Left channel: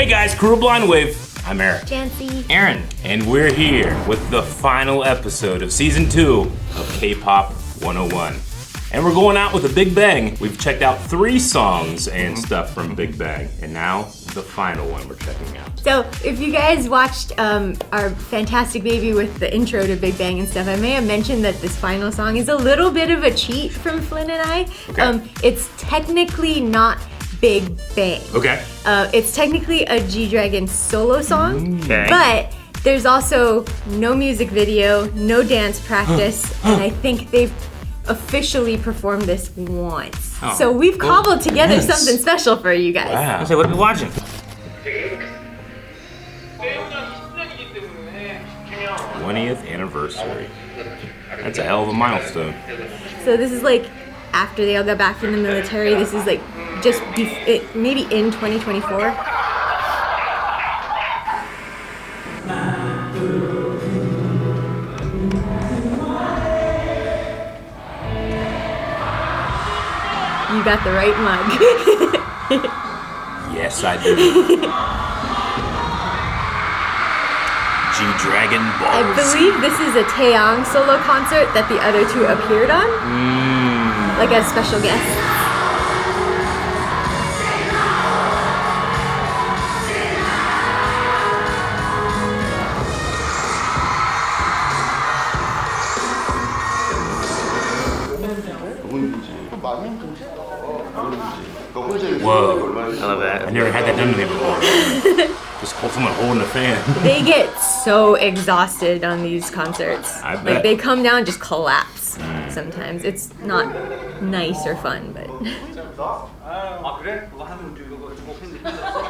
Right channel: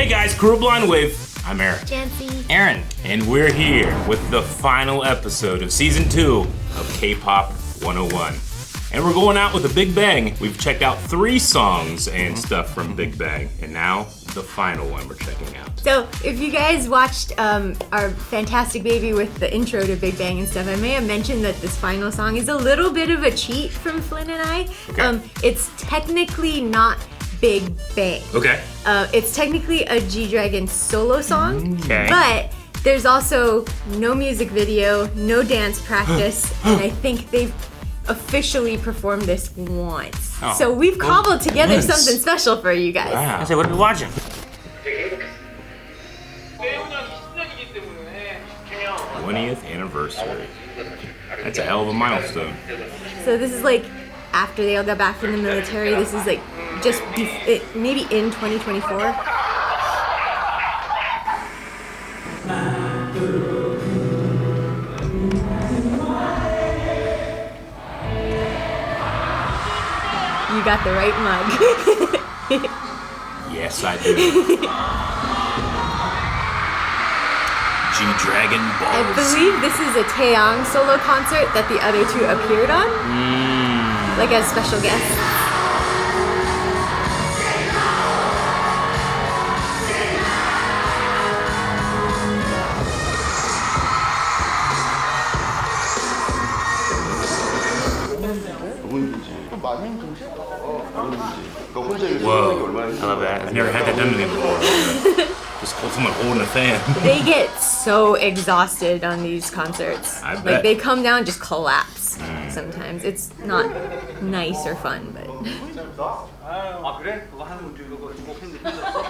Hey guys, Crew of Blind Wave. I'm Eric. Jancy. Aaron. And we're here with the final episode of Season 2 of K-Pop 101. And we're going out with a Big Bang. We've checked out 3 songs and stuff from Big Bang. And now, the final one we're checking out. So, if you guys watched our Fantastic Baby with the intro to Big Bang and stuff, I may have mentioned that this final song is a little bit of a cheat from Flynn and I. Okay. It's technically not Big Bang. Okay. It's technically a G-Dragon solo song, Okay. but there's also no music video, no dance practice, and I think they've officially performed this once. Oh. So we've cobbled together Once. something special for you guys. Wow. So what are we watching? 20th anniversary. That's a hell of a milestone. So this is like after they all got back from the military. This is like just maybe in 2024. You got the right mug. Yes, I do. G-Dragon Balls. I believe this is a Taeyang solo concert that the other 2 appeared on, like as special guests. Whoa. I never had that done to me before. Just put someone holding the fan. They get so exhausted on these concerts. I bet. Like they come down and just collapse sometimes. It's not nice or fun, but 아 그래? 그거 하는 줄 그거 팬들 힘들었어?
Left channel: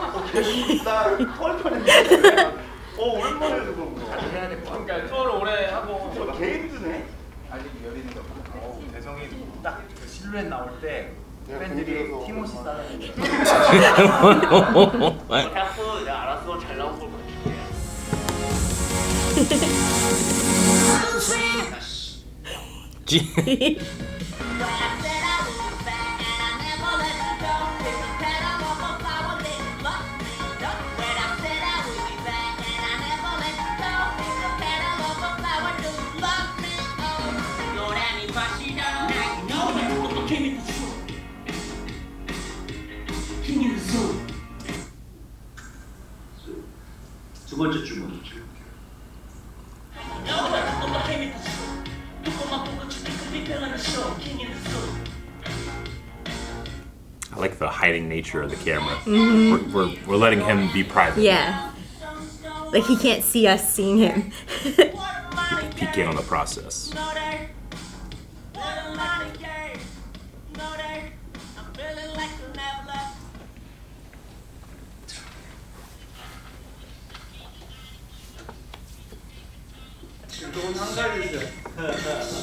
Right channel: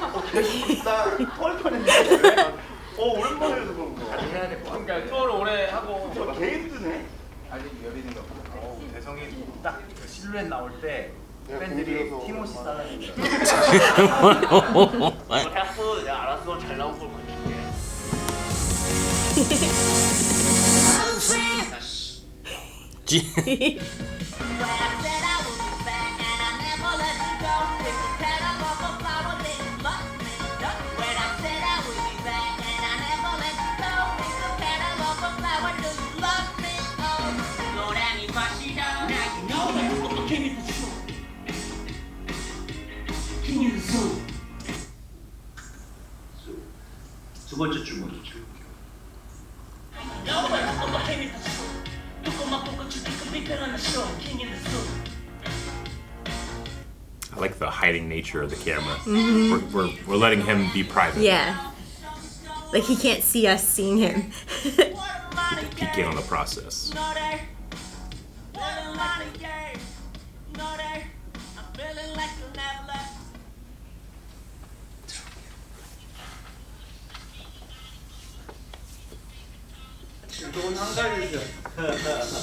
나 토할 뻔했는데. 오랜만에 해서 그런 거. 해야 될 거. 그러니까 투어를 오래 하고. 개 힘드네. 아직 열리는 거. 대성이 딱 그 실루엣 나올 때 팬들이 티모시 싸다니. 해프 내가 알았어 잘 나온 걸 가질게. 두 번째 줄 먼저 줄. I like the hiding nature of the camera. We're letting him be private. yeah. Like he can't see us seeing him. Peek in on the process.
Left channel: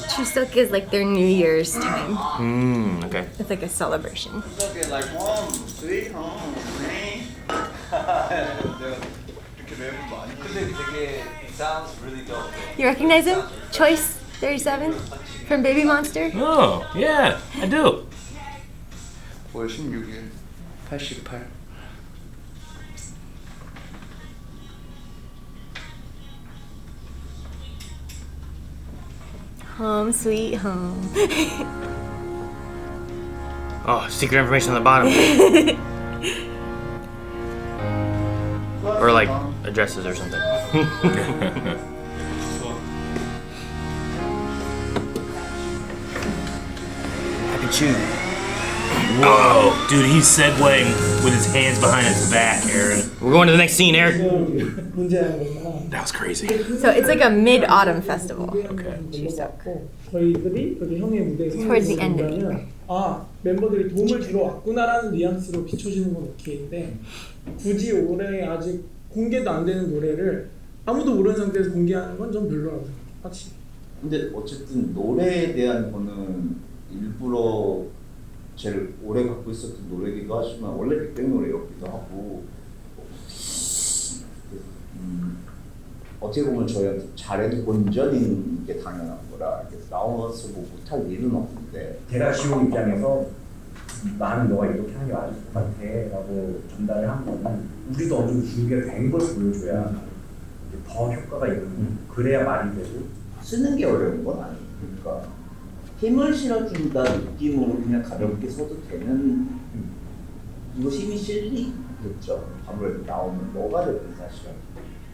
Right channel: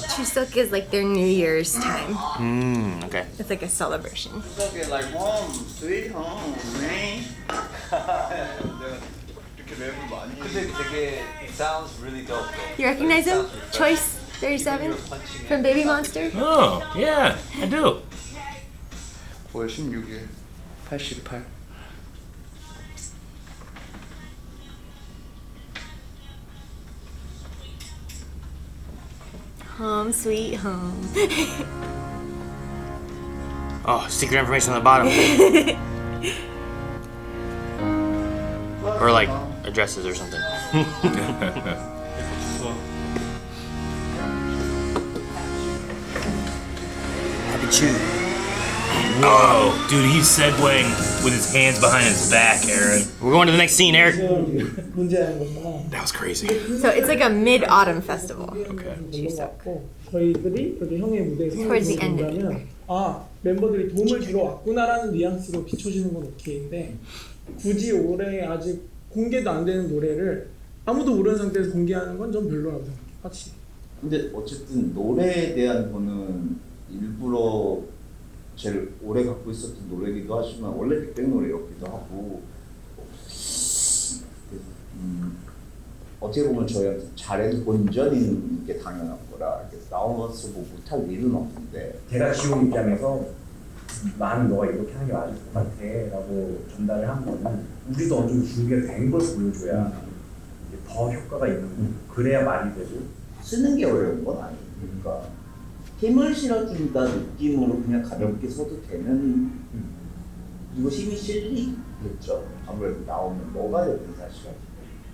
Chuseok is like their New Year's time. Okay. It's like a celebration. like home, sweet home, man. 이렇게 랩을 많이. 근데 되게 it sounds really dope. You recognize him? Choice 37 from Baby Monster? Oh, yeah, I do. 9월 16일 88. Home sweet home. Oh, secret information on the bottom. Or like addresses or something. Whoa, dude, he's segueing with his hands behind his back, Aaron. We're going to the next scene, Eric. That was crazy. So it's like a mid-autumn festival. Okay. 넘어갔고 저희들이 여기 형의 무대에 Towards the end of the 서면 아 멤버들이 도움을 주러 왔구나라는 뉘앙스로 비춰지는 건 오케이인데 굳이 올해 아직 공개도 안 되는 노래를 아무도 모르는 상태에서 공개하는 건 좀 별로라고 생각해요. 확실히. 근데 어쨌든 노래에 대한 거는 일부러 제일 오래 갖고 있었던 노래기도 하지만 원래 빅뱅 노래였기도 하고 어떻게 보면 저희한테 잘해도 본전인 게 당연한 거라 나와서 뭐 못할 일은 없는데 제가 지용 입장에서 나는 너가 이렇게 하는 게 맞을 것 같아 라고 전달을 한 거는 우리도 어느 정도 준비가 된 걸 보여줘야 이제 더 효과가 있는 거고 그래야 말이 되고 쓰는 게 어려운 건 아니니까 힘을 실어준다 느낌으로 그냥 가볍게 써도 되는 이거 힘이 실리겠죠. 아무래도 나오면 뭐가 됐든 사실은.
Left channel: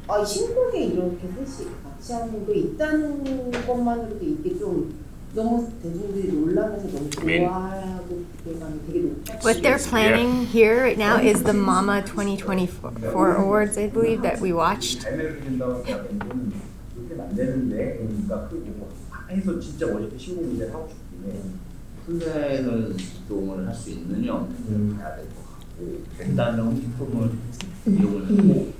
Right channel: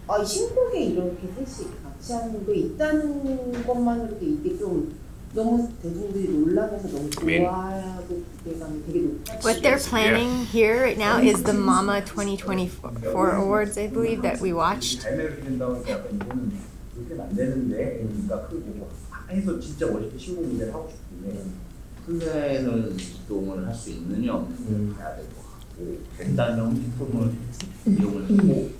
이 신곡에 이렇게 셋이 같이 하는 게 있다는 것만으로도 이게 좀 너무 대중들이 놀라면서 너무 좋아하고 기대감이 되게 높아. What they're planning here right now is the Mama 2024 awards, I believe, that we watched. 잘 매력된다고 생각하면 이거는 그렇게는 안 되는데 그러니까 크고 해서 진짜 멋있게 신곡 무대를 하고 싶은데 플랜을 이동을 할 수 있느냐 없느냐 봐야 될 것 같고 된다면 피폼을 이용을 하고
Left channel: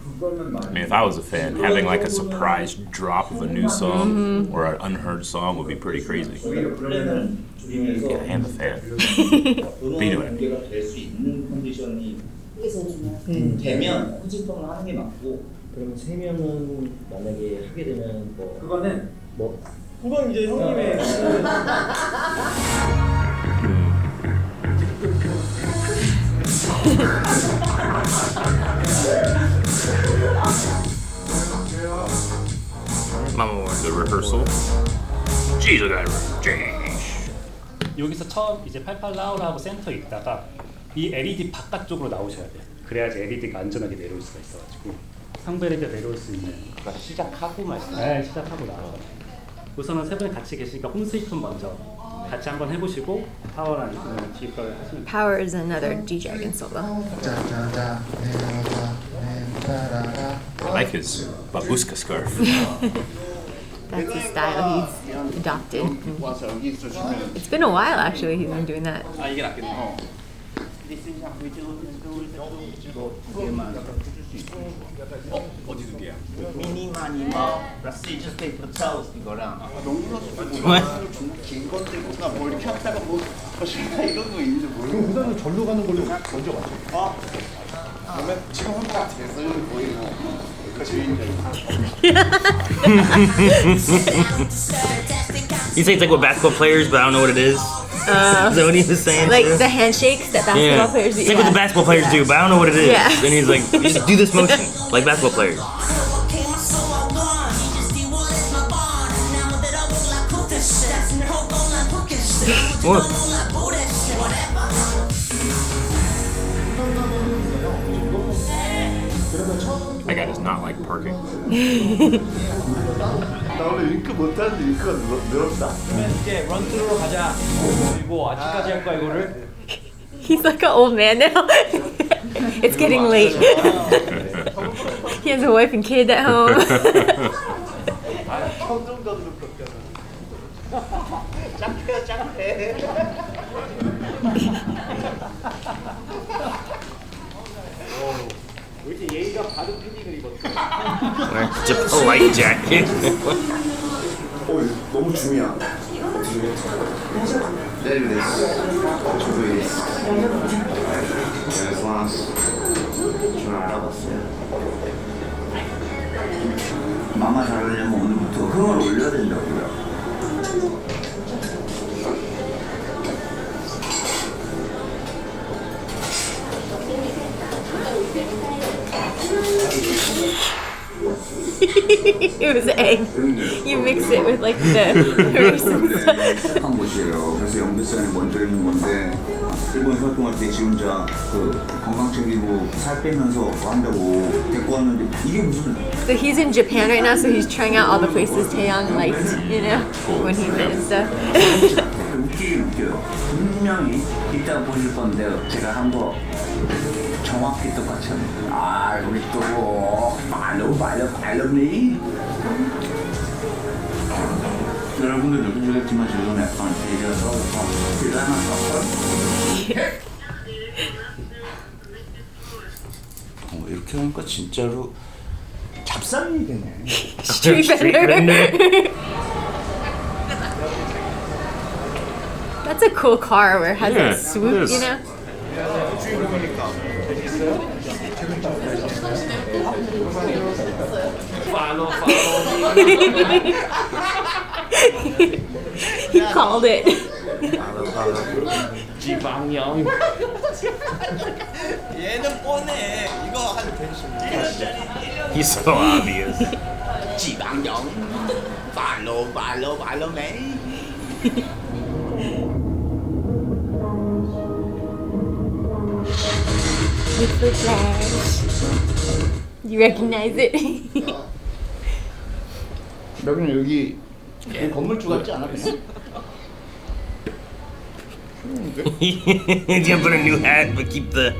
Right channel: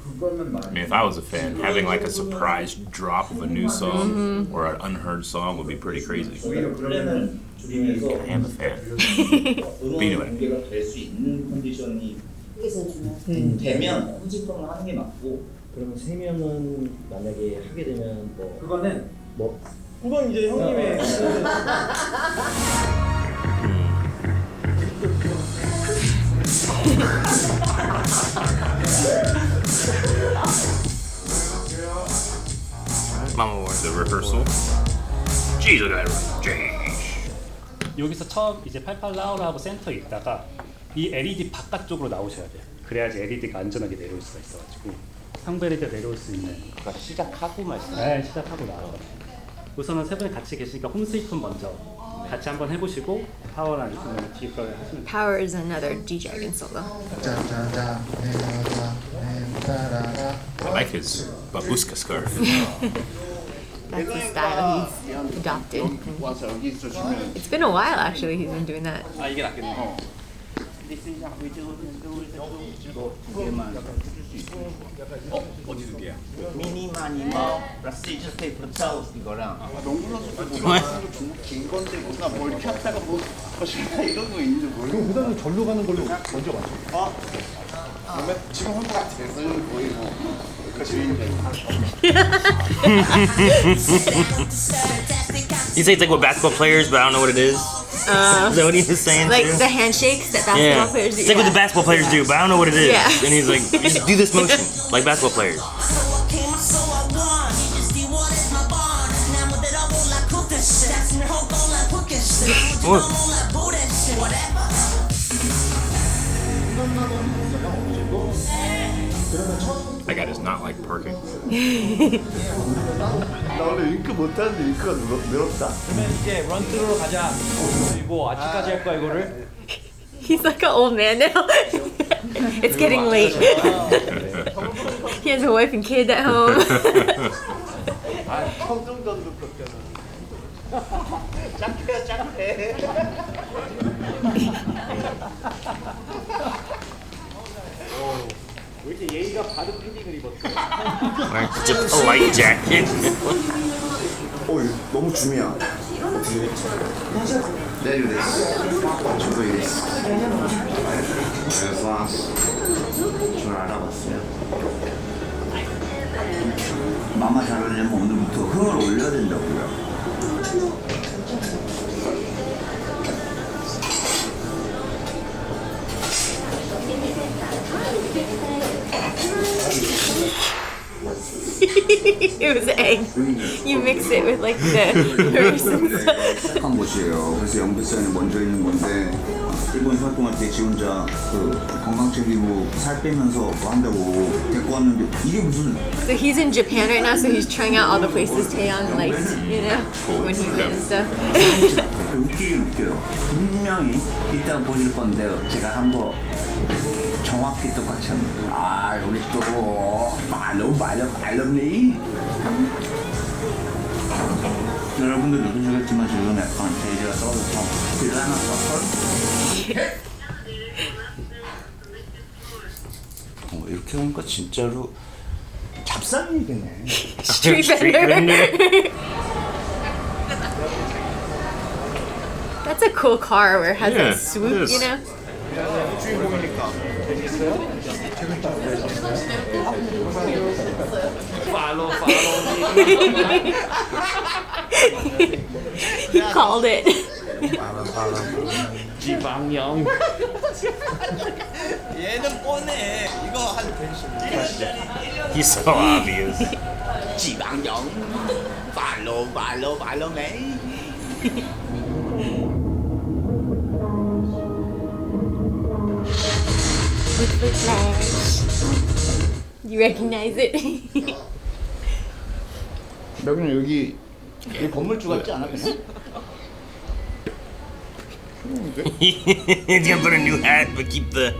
그거는 I mean, if I was a fan, having like a surprise drop of a new song or an unheard song would be pretty crazy. 오히려 플랜을 줄이면서 I am a fan. 음원 공개가 될 수 있는 컨디션이 그게 제일 중요해요. 되면 후지품을 하는 게 맞고 그러면 세 명은 만약에 하게 되면 뭐 그거는 그건 이제 형님의 The rehearsal. Jeez, I got it. 여기서 처음 이제 88 라우라하고 센터에 있다가 이 LED 바깥쪽으로 나오셔야 돼요. 그래야지 LED가 안전하게 내려올 수가 있어가지고 상부 LED가 내려올 수 있는. 그러니까 시작하고 말씀. 네, 시작하고 나서 우선은 세 분이 같이 계시니까 홈 스위트폰 먼저 같이 한번 해보시고 파워를 안 쓰면 뒤에 걸 하시면 돼요. Power is another G-Dragon solo. I like his babushka scarf. That's the style he's adopted. It's been a while actually he's been doing that. 아 이게 낫겠네. 어디 두 개야? 미니마니마 플러스 페이퍼 타우 이거랑 긴 건데 뭔가 뭘 이렇게 하다가 뭐 싫다 이런 거 있는지 모르겠어. 그럼 그다음에 절로 가는 걸로 먼저 맞죠. 그러면 지금 한 번 대서는 거의 그 주인장. He says like with basketball players, but I don't know what it is. Is that what he was saying? Like too? the handshakes that basketball Yeah. players do. It's like what the basketball players do, but I don't know what it is. Yeah. And he's like, you just do this motion like basketball players. That guy does not like parking. 나 원래 윙크 못하는데 윙크가 늘었다. 그러면 이제 런트로 가자. 그리고 아침까지 할 거야 이거를. He's like an old man now. It's getting late. He has a wife and kid at home. 청정전도 그렇게 하는. 짝해. 왜 이렇게 예의가 바른 패딩을 입었어? Such a polite jacket. 너무 줌이야. 네, 이래. 저도 이래. 그래서 줄 알아봤어요. 마마 잘 어울리려면 오늘부터 흥을 올려야 된다고요. It was egg. You mix it with like the herbs and stuff. 시작한 곳이에요. 그래서 영배 시간에 먼저 있는 건데 일본 활동할 때 지 혼자 그 건강 챙기고 살 빼면서 한다고 데리고 왔는데 이게 무슨 So he's in Japan right now, so he's trying out all the places Taeyong liked, you know, when he did and stuff. 웃기긴 웃겨요. 분명히 이따가 보실 건데 제가 한 거 정확히 똑같이 합니다. 아 우리 또 말럽니? 여러분들 느끼시겠지만 지금 약간 대리가 떨어져서 딜을 하나 썼걸? 이렇게 하니까 진짜로 잡상이 되네. Street vendor. That's a cool car where it has Yeah, that swoop, it is. you know? He called it. 지방령. 얘는 뻔해. 이거 한 펜션. He's so obvious. 지방령. 발로 메이. With the flash. You recognize it? 여기는 여기 건물주 같지 않아 그냥? He's gonna put a new hat but keep the.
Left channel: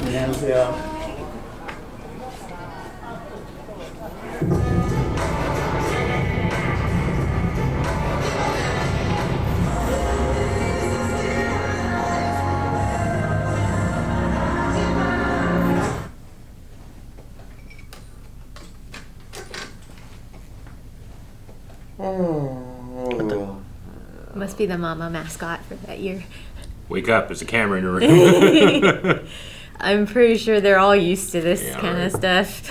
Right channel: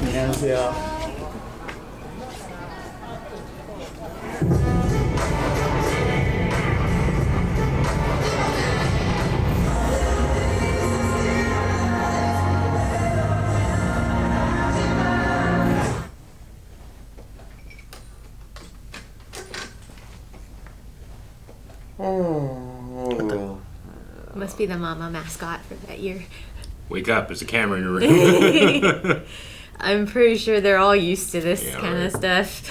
안녕하세요. Must be the mama mascot for that year. Wake up, there's a camera in your room. I'm pretty sure they're all used to this Yeah, kind right. of stuff.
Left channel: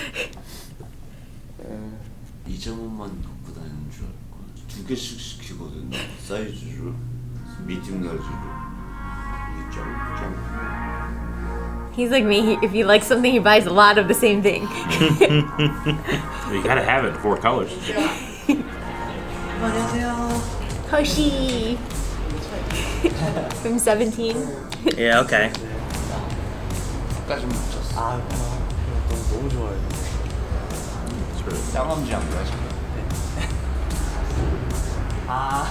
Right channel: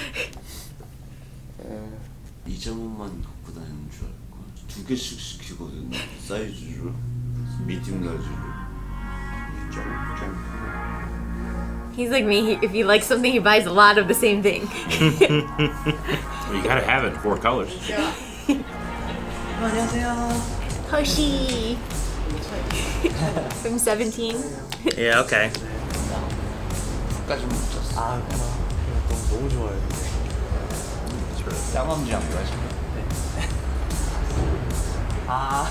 2점원만 갖고 다니는 줄 알고 2개씩 시키거든 나 사이즈로 미디움 라지로 이게 짱 He's like me. If he likes something, he buys a lot of the same thing. You gotta have it in 4 colors. Hoshi. From 17. Yeah, okay. 까지 못 잤어. 아, 너무 좋아요. 쌍엄지 안 좋아하시나? 아,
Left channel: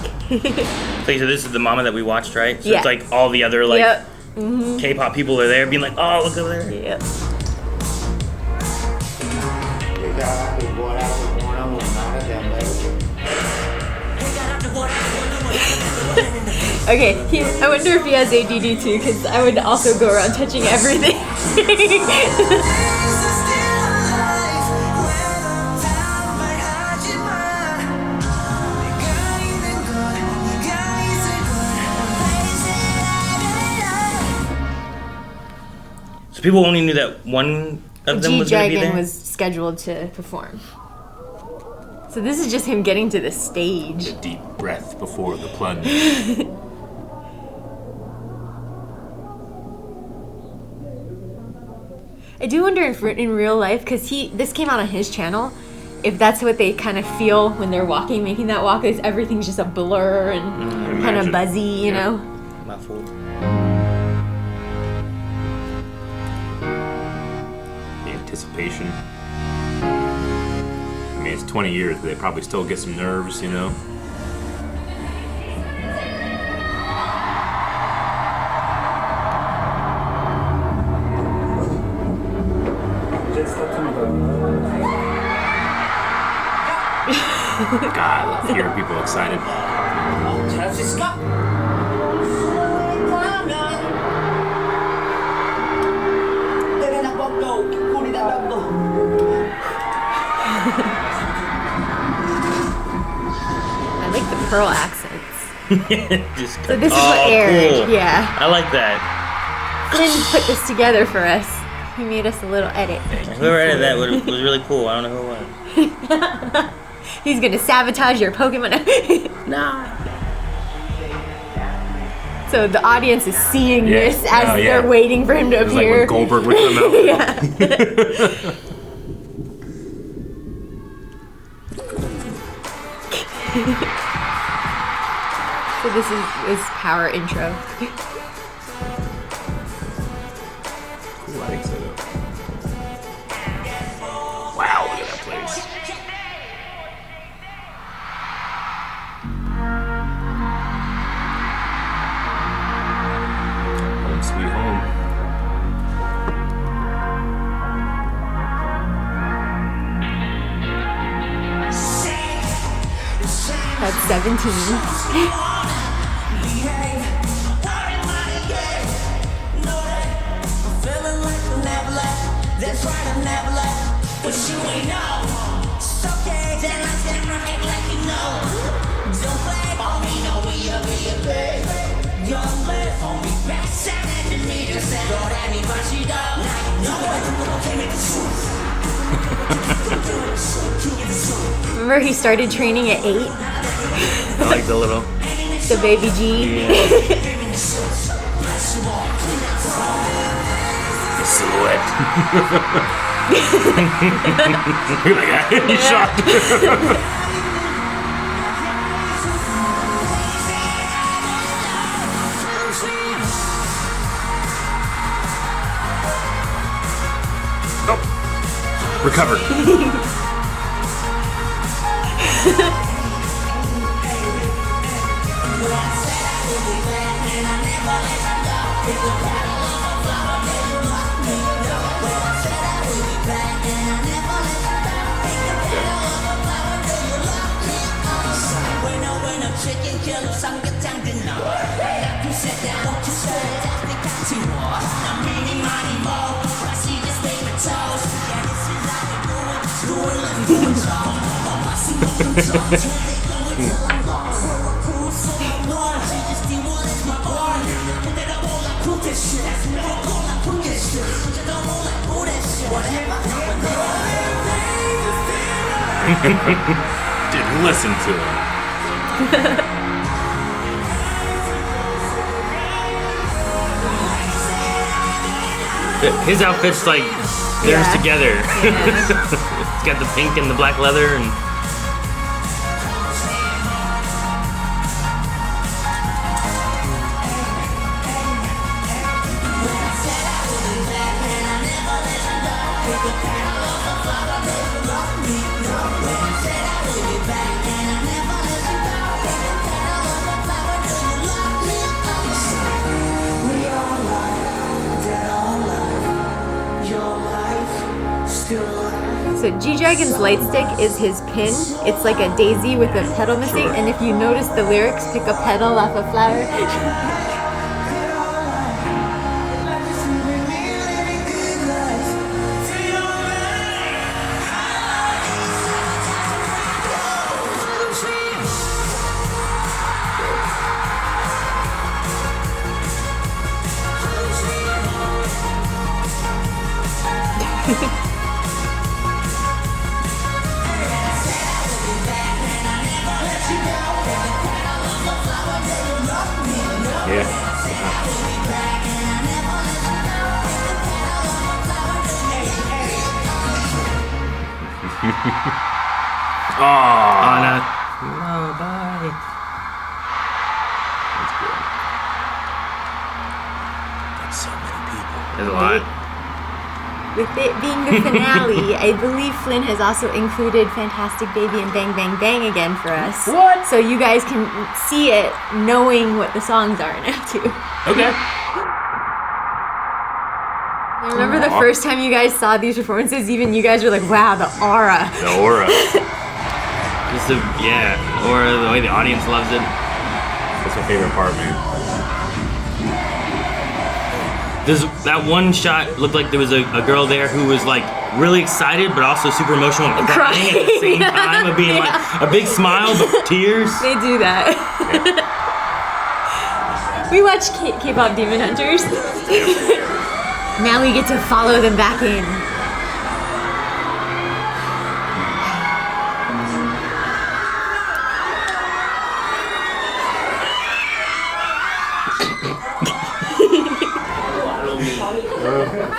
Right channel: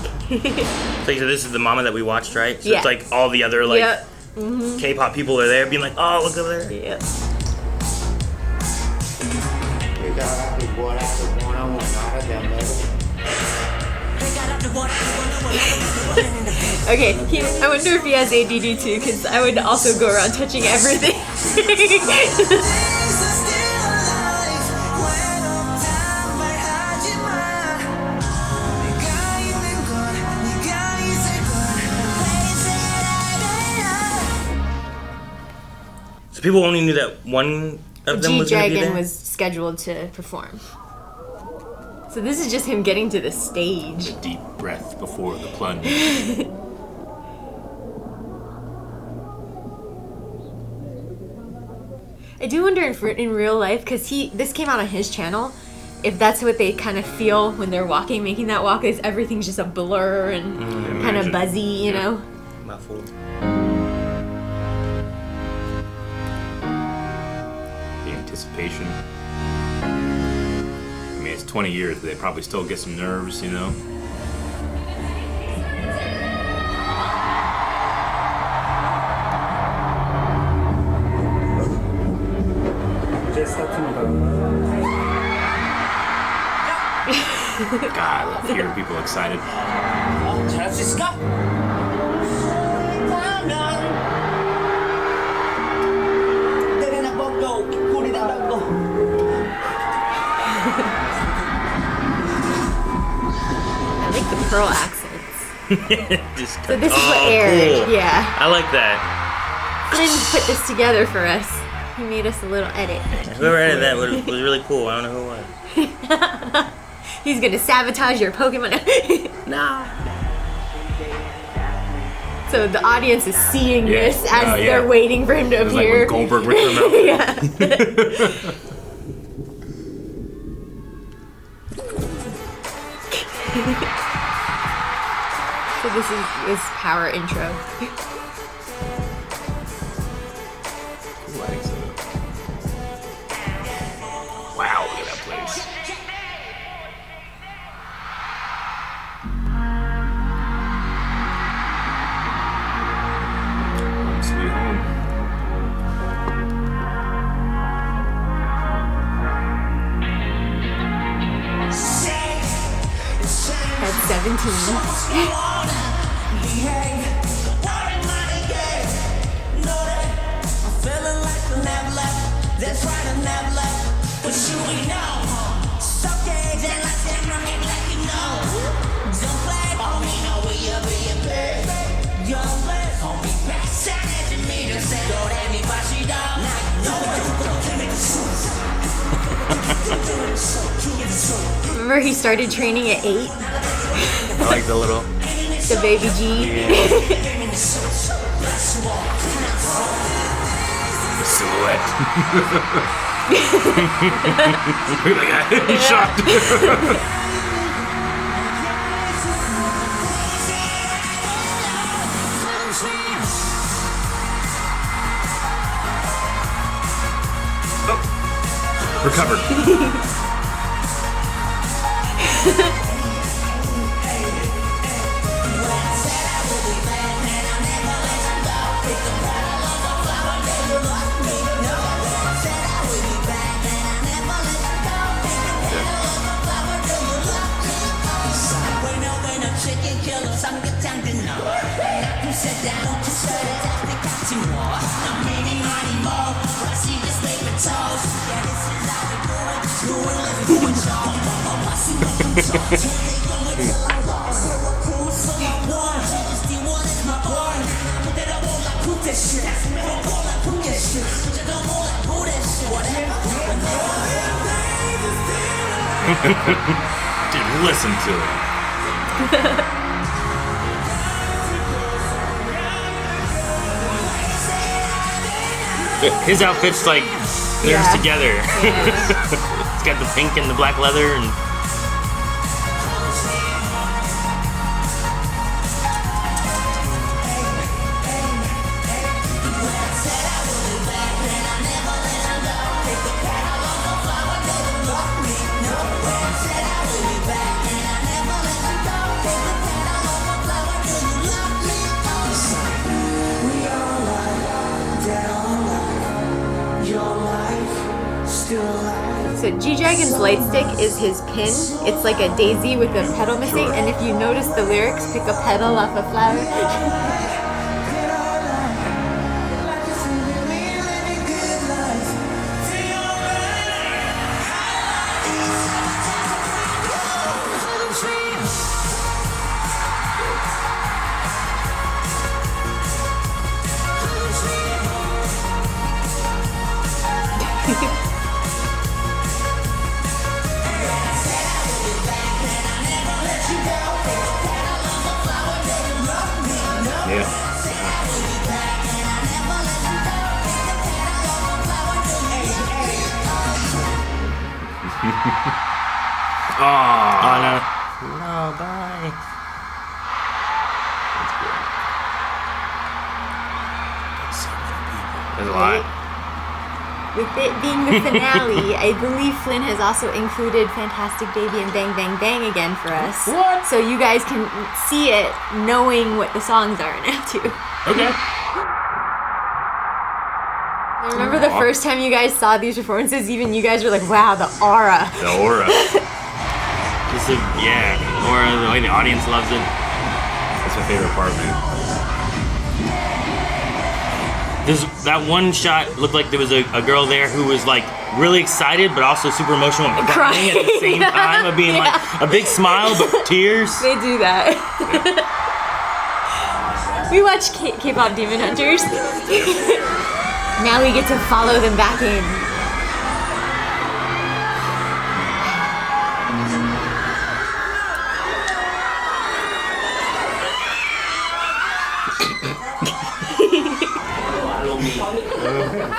So this is the mama that we watched, right? So Yeah. it's like all the other like Yep. Mm-hmm. K-pop people are there, being like, "Oh, look over there." Yep. Okay, I wonder if he has ADD too, because I would also go around touching everything. So people only knew that one of them was gonna be G-Dragon there. was scheduled to perform. So this is just him getting to the stage. A deep breath before the plunge. I do wonder if in real life, because this came out on his channel, if that's what they kind of feel when they're walking, making that walk, is everything's just a blur and kind of Imagine. buzzy, you Yeah. know? The anticipation. I mean, it's 20 years, but they probably still get some nerves, you know? God, I love hearing people excited. 잘할 수 있을까? I like the pearl accents. Just So this is what aired, yeah. I like that. Flynn put this together for us. He made us a little edit. Whoever edited that was really cool. I don't know who it was. He's gonna sabotage your Pokemon. Nah. So the audience is seeing Yeah. this as Oh, yeah. they're waiting for him to It was like appear. when Goldberg would come out. Yeah. So this is power intro. Wow, look at that place. Home sweet home. That's 17. That's right, I never left. But you ain't know. It's okay, then I stand right act like you know. Don't play for me, no way up in your bed. Young lad, on me back, shining to me. Just say, don't let me pass you down. Now you know what you can't make the truth. Remember he started training at 8? like the little. The baby G. The silhouette. Look at that. He's shocked. Recovered. Chicken killer, Samgyetang dinner. Now you said that, don't you say that's the cat to more. Now meaning money more, but I see this favorite toes. Yeah, this is how we do it. Do it, let's do it, y'all. I'm passing up them songs. Here they go until I'm gone. Cool, so I'm one. She just the one is my boy. Put it up all like put this shit. That's me, don't call like put this shit. Just don't roll like put this shit. Whatever. Didn't listen to it. His outfit's like fits together. It's got the pink and the black leather and. So G-Dragon's light stick is his pin. It's like a daisy with a petal missing, and if you notice the lyrics, pick a petal off a flower. With it being the finale, I believe Flynn has also included Fantastic Baby and Bang Bang Bang again for us. What? So you guys can see it knowing what the songs are now too. Okay. I remember the first time you guys saw these performances, even you guys were like, wow, the aura. The aura. Yeah, or the way the audience loves it. That's my favorite part, man. That one shot looked like there was a girl there who was like really excited but also super emotional and crying at the same time of being like a big smile but tears. They do that. We watch K-pop Demon Hunters. Now we get to follow them back in.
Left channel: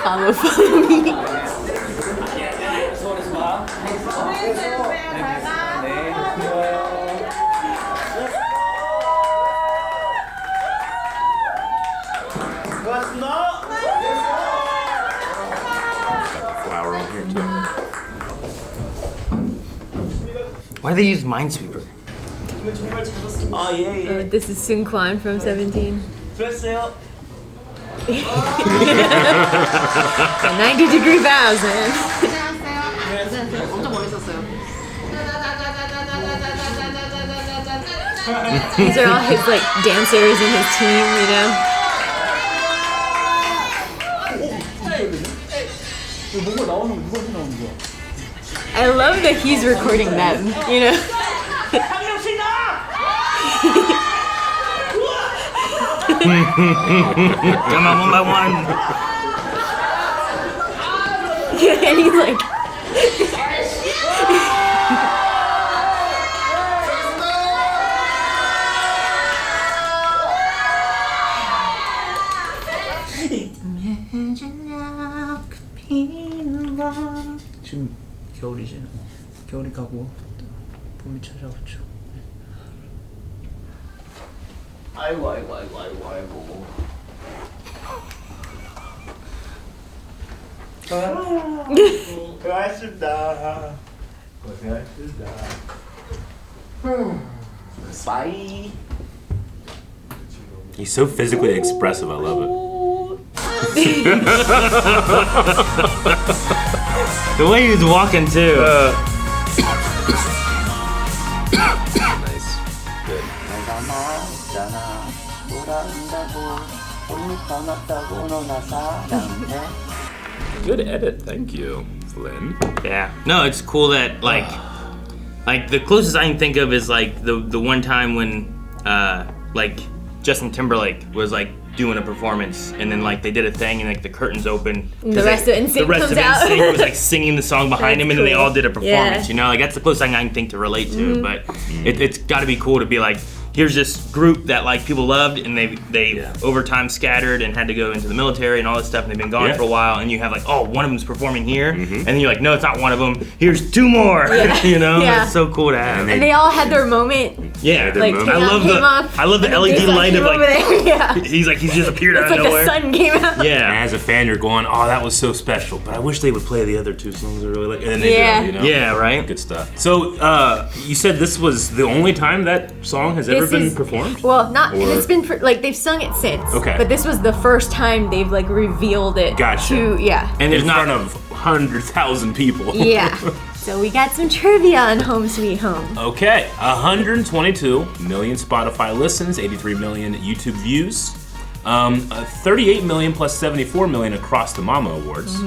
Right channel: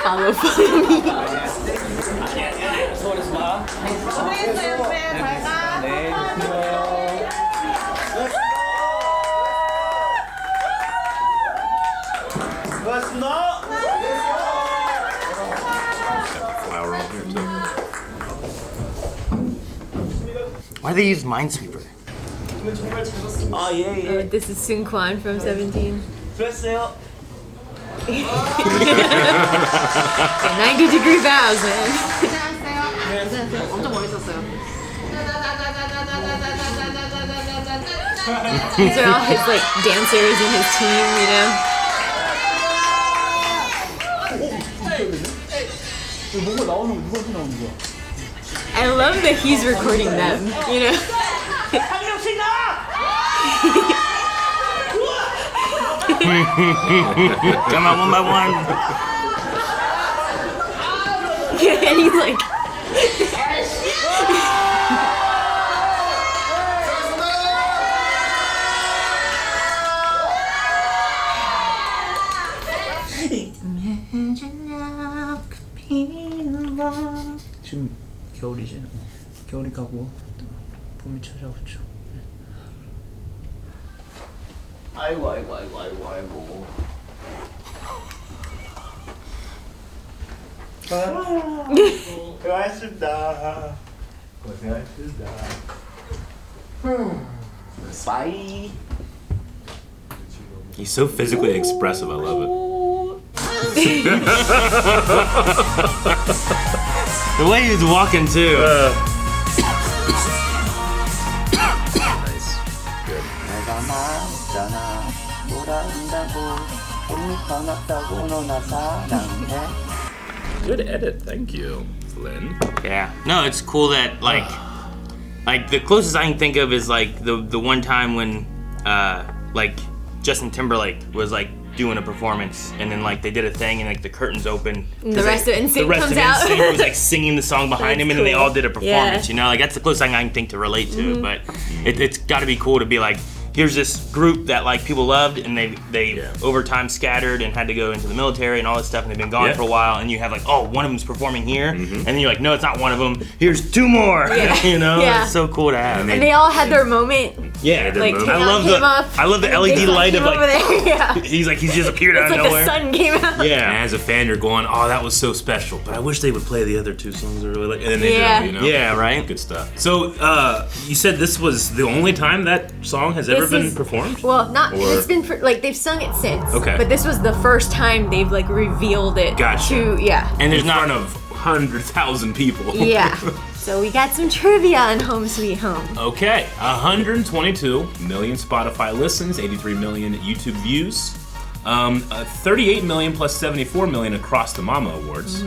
Follow me. Why do they use Minesweeper? This is Sun Kwan from 17. 됐어요. 90-degree bows, man. 엄청 멋있었어요. These are all his like dancers and his team, you know. 뭔가 나오는 거 누구한테 나오는 거야? I love that he's recording them, you know. Come on, one by one. Yeah, and he's like. 지금 겨울이지. 겨울이 가고 또 봄이 찾아오죠. 아이고 아이고 아이고 아이고 아이고. 고생하셨습니다. 고생하셨습니다. 바이. He's so physically expressive. I love it. The way he was walking too. Nice. Good. 내가 말했잖아. 돌아온다고. 봄이 떠났다고 너나 사랑해. Good edit. Thank you, Flynn. Yeah. No, it's cool that like the closest I can think of is like the one time when like Justin Timberlake was like doing a performance and then like they did a thing and like the curtains open. And the rest of NSYNC comes out. NSYNC was like singing the song behind him and then they all did a performance. Yeah. You know, like that's the closest thing I can think to relate to it. But it's got to be cool to be like, here's this group that like people loved and they over time scattered and had to go into the military and all this stuff and they've been gone for a while and you have like, oh, one of them's performing here and then you're like, no, it's not one of them. Here's two more. You know, it's so cool to have. And they all had their moment. Yeah, Like I love the LED light of like he's just appeared out of It's like nowhere. the sun came out. Yeah. And as a fan, you're going, oh, that was so special. But I wish they would play the other two songs I really like. And then they do, you know? Yeah, right? Good stuff. So, you said this was the only time that song has ever been performed? Well, not. Or- It's been like they've sung it since. Okay. But this was the first time they've like revealed it. Gotcha. To And in front of 100,000 people. Yeah. So we got some trivia on Home Sweet Home. Okay, 122 million Spotify listens, 83 million YouTube views, 38 million plus 74 million across the Mama Awards.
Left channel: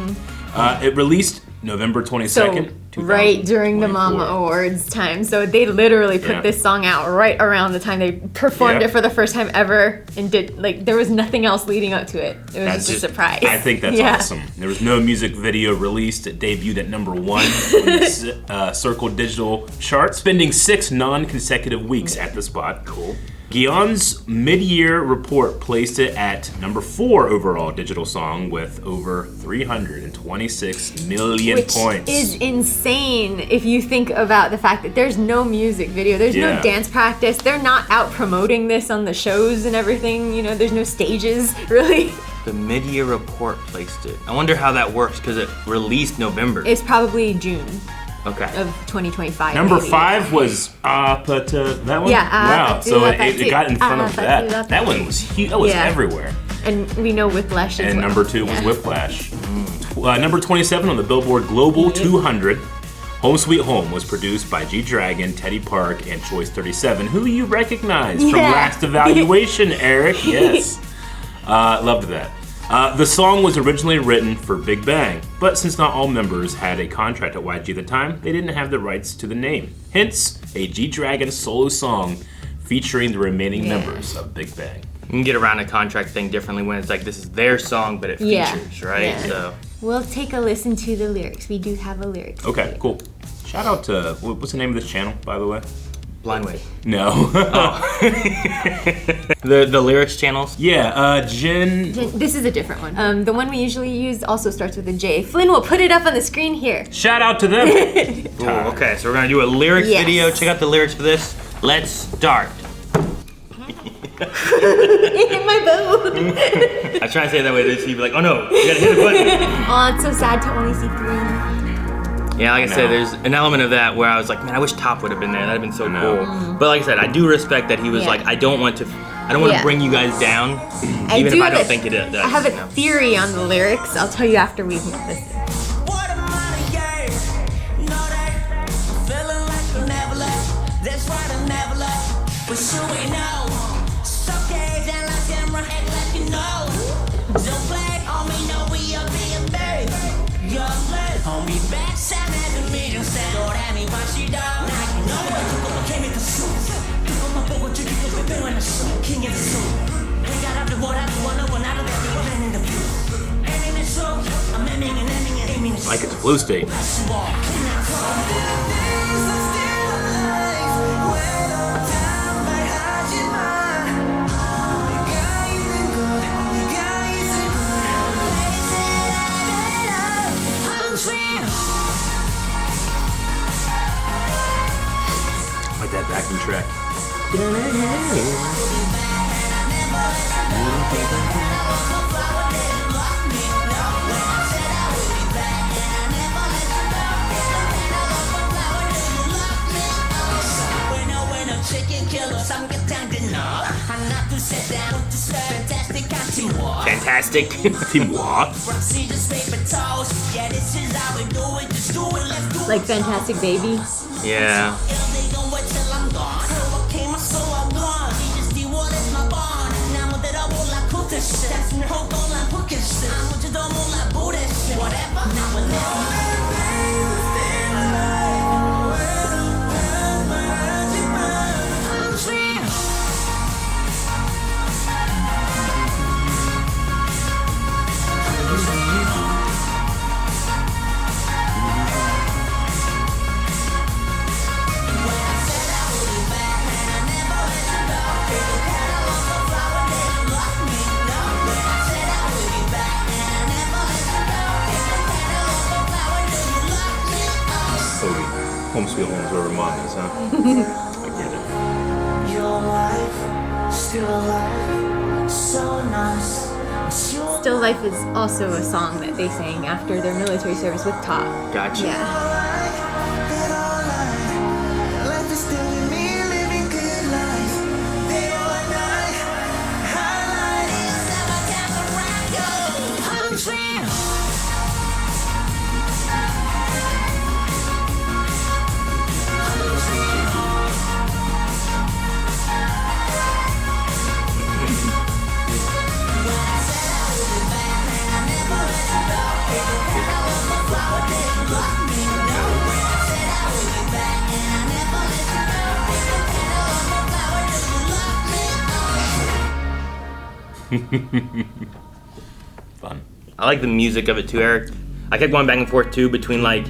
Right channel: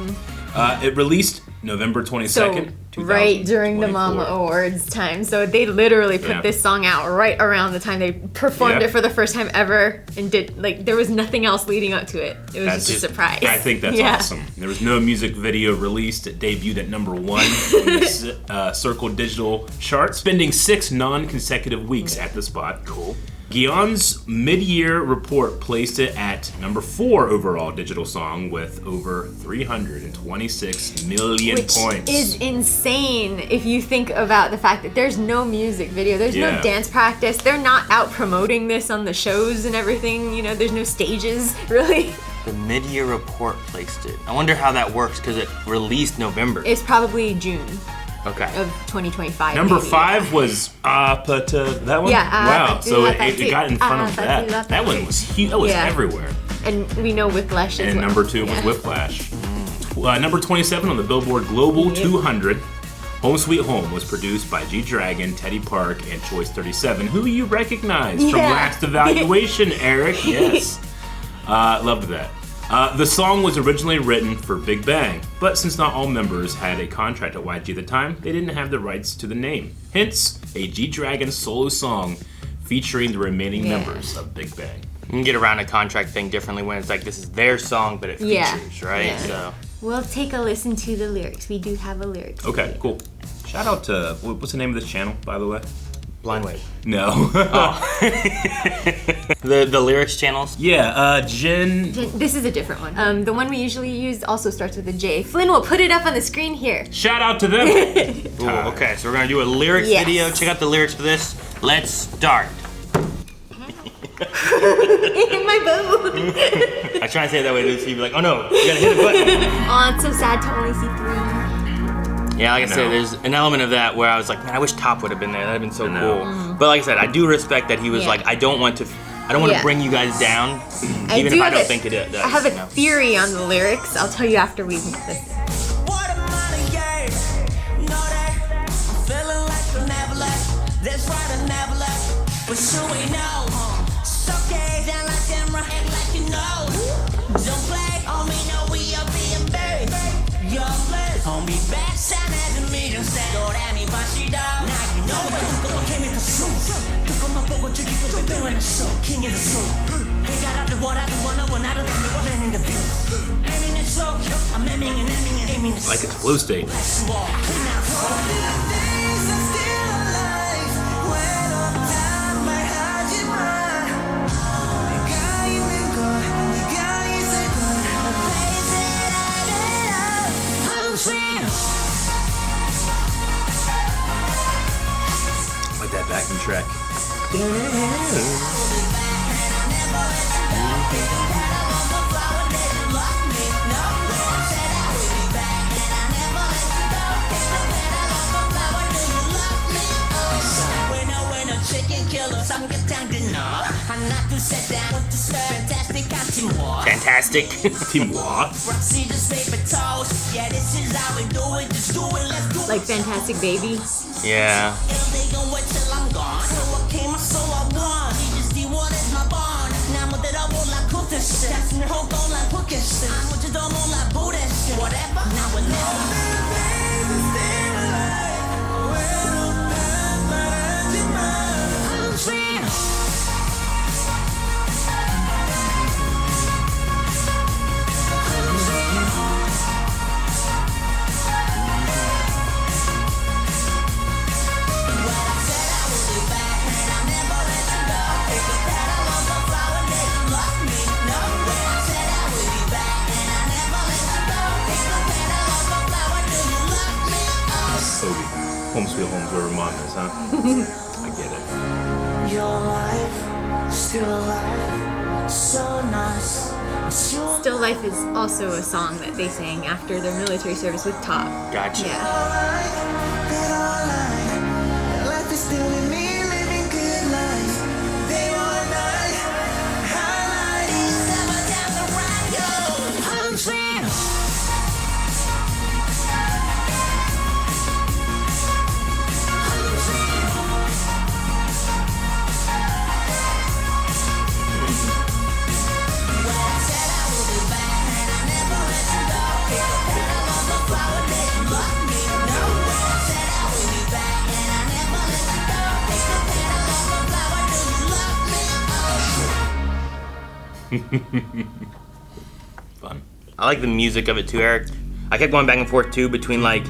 It released November 22nd, So right during the 2024. Mama Awards time. So they literally put Yeah. this song out right around the time they performed Yeah. it for the first time ever and did like there was nothing else leading up to it. It was just a surprise. I think that's awesome. There was no music video released. It debuted at number 1 in the Circle Digital chart, spending 6 non-consecutive weeks at the spot. Guillaume's mid-year report placed it at number 4 overall digital song with over 326 million Which points. is insane if you think about the fact that there's no music video, there's Yeah. no dance practice, they're not out promoting this on the shows and everything, you know, there's no stages, really. The mid-year report placed it. I wonder how that works because it released November. It's probably June Okay. of 2025. Number maybe. 5 was that one? Yeah, wow. So yeah, it got in front of that. That one was huge. That was Yeah. everywhere. And we know Whiplash as And well. number 2 was Whiplash. Number 27 on the Billboard Global 200. Home Sweet Home was produced by G-Dragon, Teddy Park, and Choice 37, who you recognize from Yeah. Last Evaluation, Eric. Yes. Loved that. The song was originally written for Big Bang, but since not all members had a contract at YG at the time, they didn't have the rights to the name. Hence, a G-Dragon solo song featuring the remaining members of Big Bang. You can get around a contract thing differently when it's like this is their song, but it features, right? Yeah. So We'll take a listen to the lyrics. We do have a lyrics. Okay, cool. Shout out to, what's the name of this channel, by the way? Blind Wave. No. The lyrics channels? Yeah, Jen. This is a different one. The one we usually use also starts with a J. Flynn will put it up on the screen here. Shout out to them. Ooh, okay, so we're gonna do a lyrics Yes. video. Check out the lyrics for this. Let's start. My boo. I try to say it that way, so you'd be like, oh no, you gotta hit the button. Oh, it's so sad to only see 3. Yeah, like I said, there's an element of that where I was like, man, I wish Top would have been there. That'd been so cool. But like I said, I do respect that he was Yeah. like, I don't want to bring you guys down, even if I don't think it is. I have a theory on the lyrics. I'll tell you after we've listened. What a money years. Know that I'm feeling like I never left. That's right, I never left. But sure we know. So okay, down like camera, act like you know. Don't play on me, no, we are being buried. Young blood, homie, back sound as a medium sound. Don't at me, watch it out. Now you know what you go, came in the suit. Took on my boat, you can go, baby, when the suit. King of the suit. Hey, got out the water, I do one out of them, they were in the view. Aiming the show, I'm aiming and aiming and aiming. Like it's flow state. backing track. Chicken killer, Samgyetang dinner. 하나 둘셋 down, fantastic teamwork. Fantastic. Teamwork. Roxy just paper toast. Yeah, this is how we do it. Just do it, let's do it. Like Fantastic Baby. Yeah. If they gon' wait till I'm gone. So I came, so I won. You just do what is my bond. 나 무대로 몰라 쿠트스. 다시 호흡곤란 포켓스. 아무지도 몰라 부대스. Whatever, now we're living. Home Sweet Home's where Ramona's, huh? I get it. Your life, still alive, so nice. Still Life is also a song that they sang after their military service with Top. Gotcha. Yeah. Life is still with me, living good life. Day or night, highlight is never down around you. I'm free. Fun. I like the music of it too, Eric. I kept going back and forth too between like,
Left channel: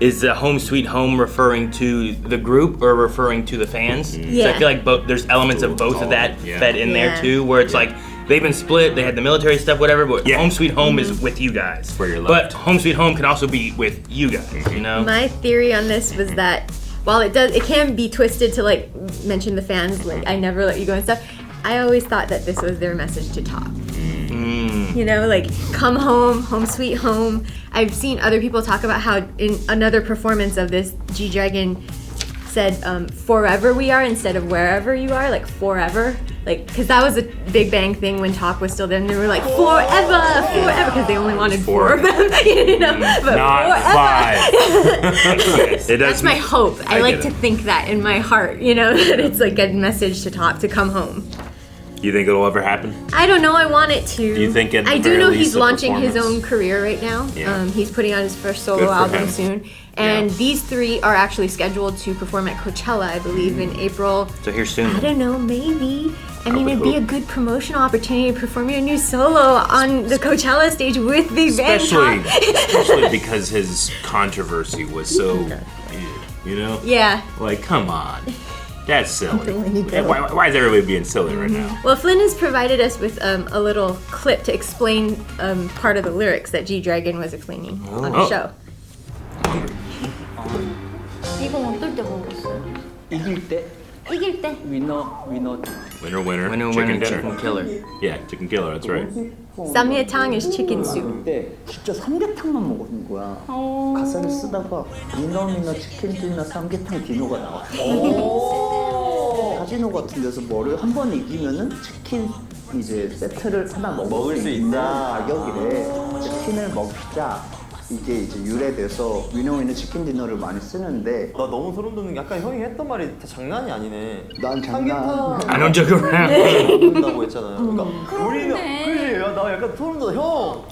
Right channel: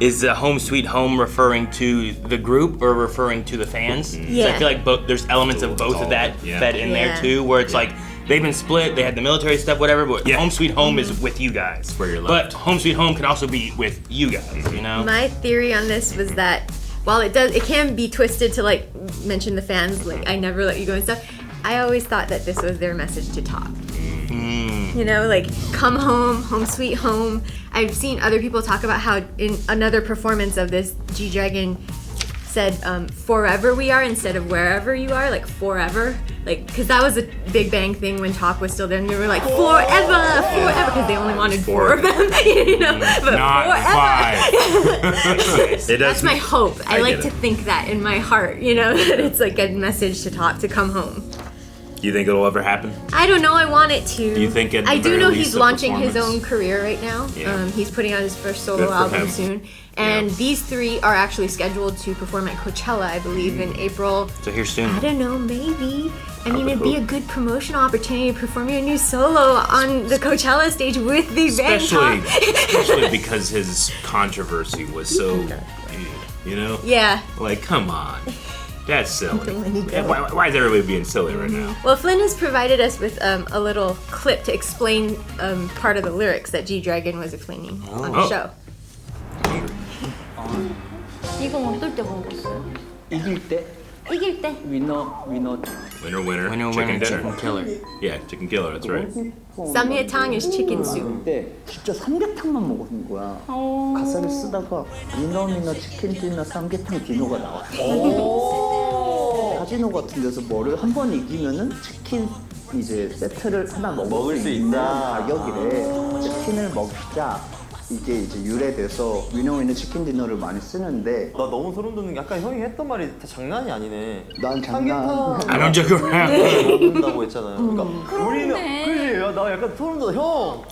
is Home Sweet Home referring to the group or referring to the fans? Yeah. So I feel like there's elements of both of that fed in there too, where it's like they've been split, they had the military stuff, whatever, but Home Sweet Home is with you guys. Where you're but Home Sweet Home can also be with you guys, you know? My theory on this was that while it can be twisted to like mention the fans, like I never let you go and stuff. I always thought that this was their message to Top. You know, like come home, home sweet home. I've seen other people talk about how in another performance of this, G-Dragon said forever we are instead of wherever you are, like forever. Like, because that was a Big Bang thing when Top was still there, and they were like forever, because they only wanted four of them, you know. But not five. That's my hope. I like to think that in my heart, you know, that it's like a message to Top to come home. Do you think it'll ever happen? I don't know. I want it to. Do you think at the I do very know least he's the launching his performance? own career right now. Yeah. He's putting out his first Good solo for album him. soon. And these three are actually scheduled to perform at Coachella, I believe, in April. So here soon. I don't know, maybe. I mean, it'd be a good promotional opportunity to perform your new solo on the Coachella stage with Big Bang. Especially because his controversy was so, you know? Yeah. Like, come on. That's silly. Why is everybody being silly right now? Well, Flynn has provided us with a little clip to explain part of the lyrics that G-Dragon was explaining on the show. 이건 어떨 때 먹었어요? 이길 때 이길 때. 위너 Chicken dinner. Killer. Yeah, chicken killer, that's right. Samgyetang is chicken soup. 때 진짜 삼계탕만 먹은 거야. 가사를 쓰다가 미너 치킨 디너 삼계탕 디너가 나왔어. 카지노 같은 데서 뭐를 한 번 이기면은 치킨 이제 세트를 하나 먹을 수 있는 가격이래. 치킨을 먹자. 이게 이제 유래돼서 위너 치킨 디너를 많이 쓰는데 나 너무 소름 돋는 게 아까 형이 했던 말이 다 장난이 아니네. 난 장난. I don't joke around. 먹는다고 했잖아요. 그러니까 우리는 그지? 나 약간 소름 돋아. 형.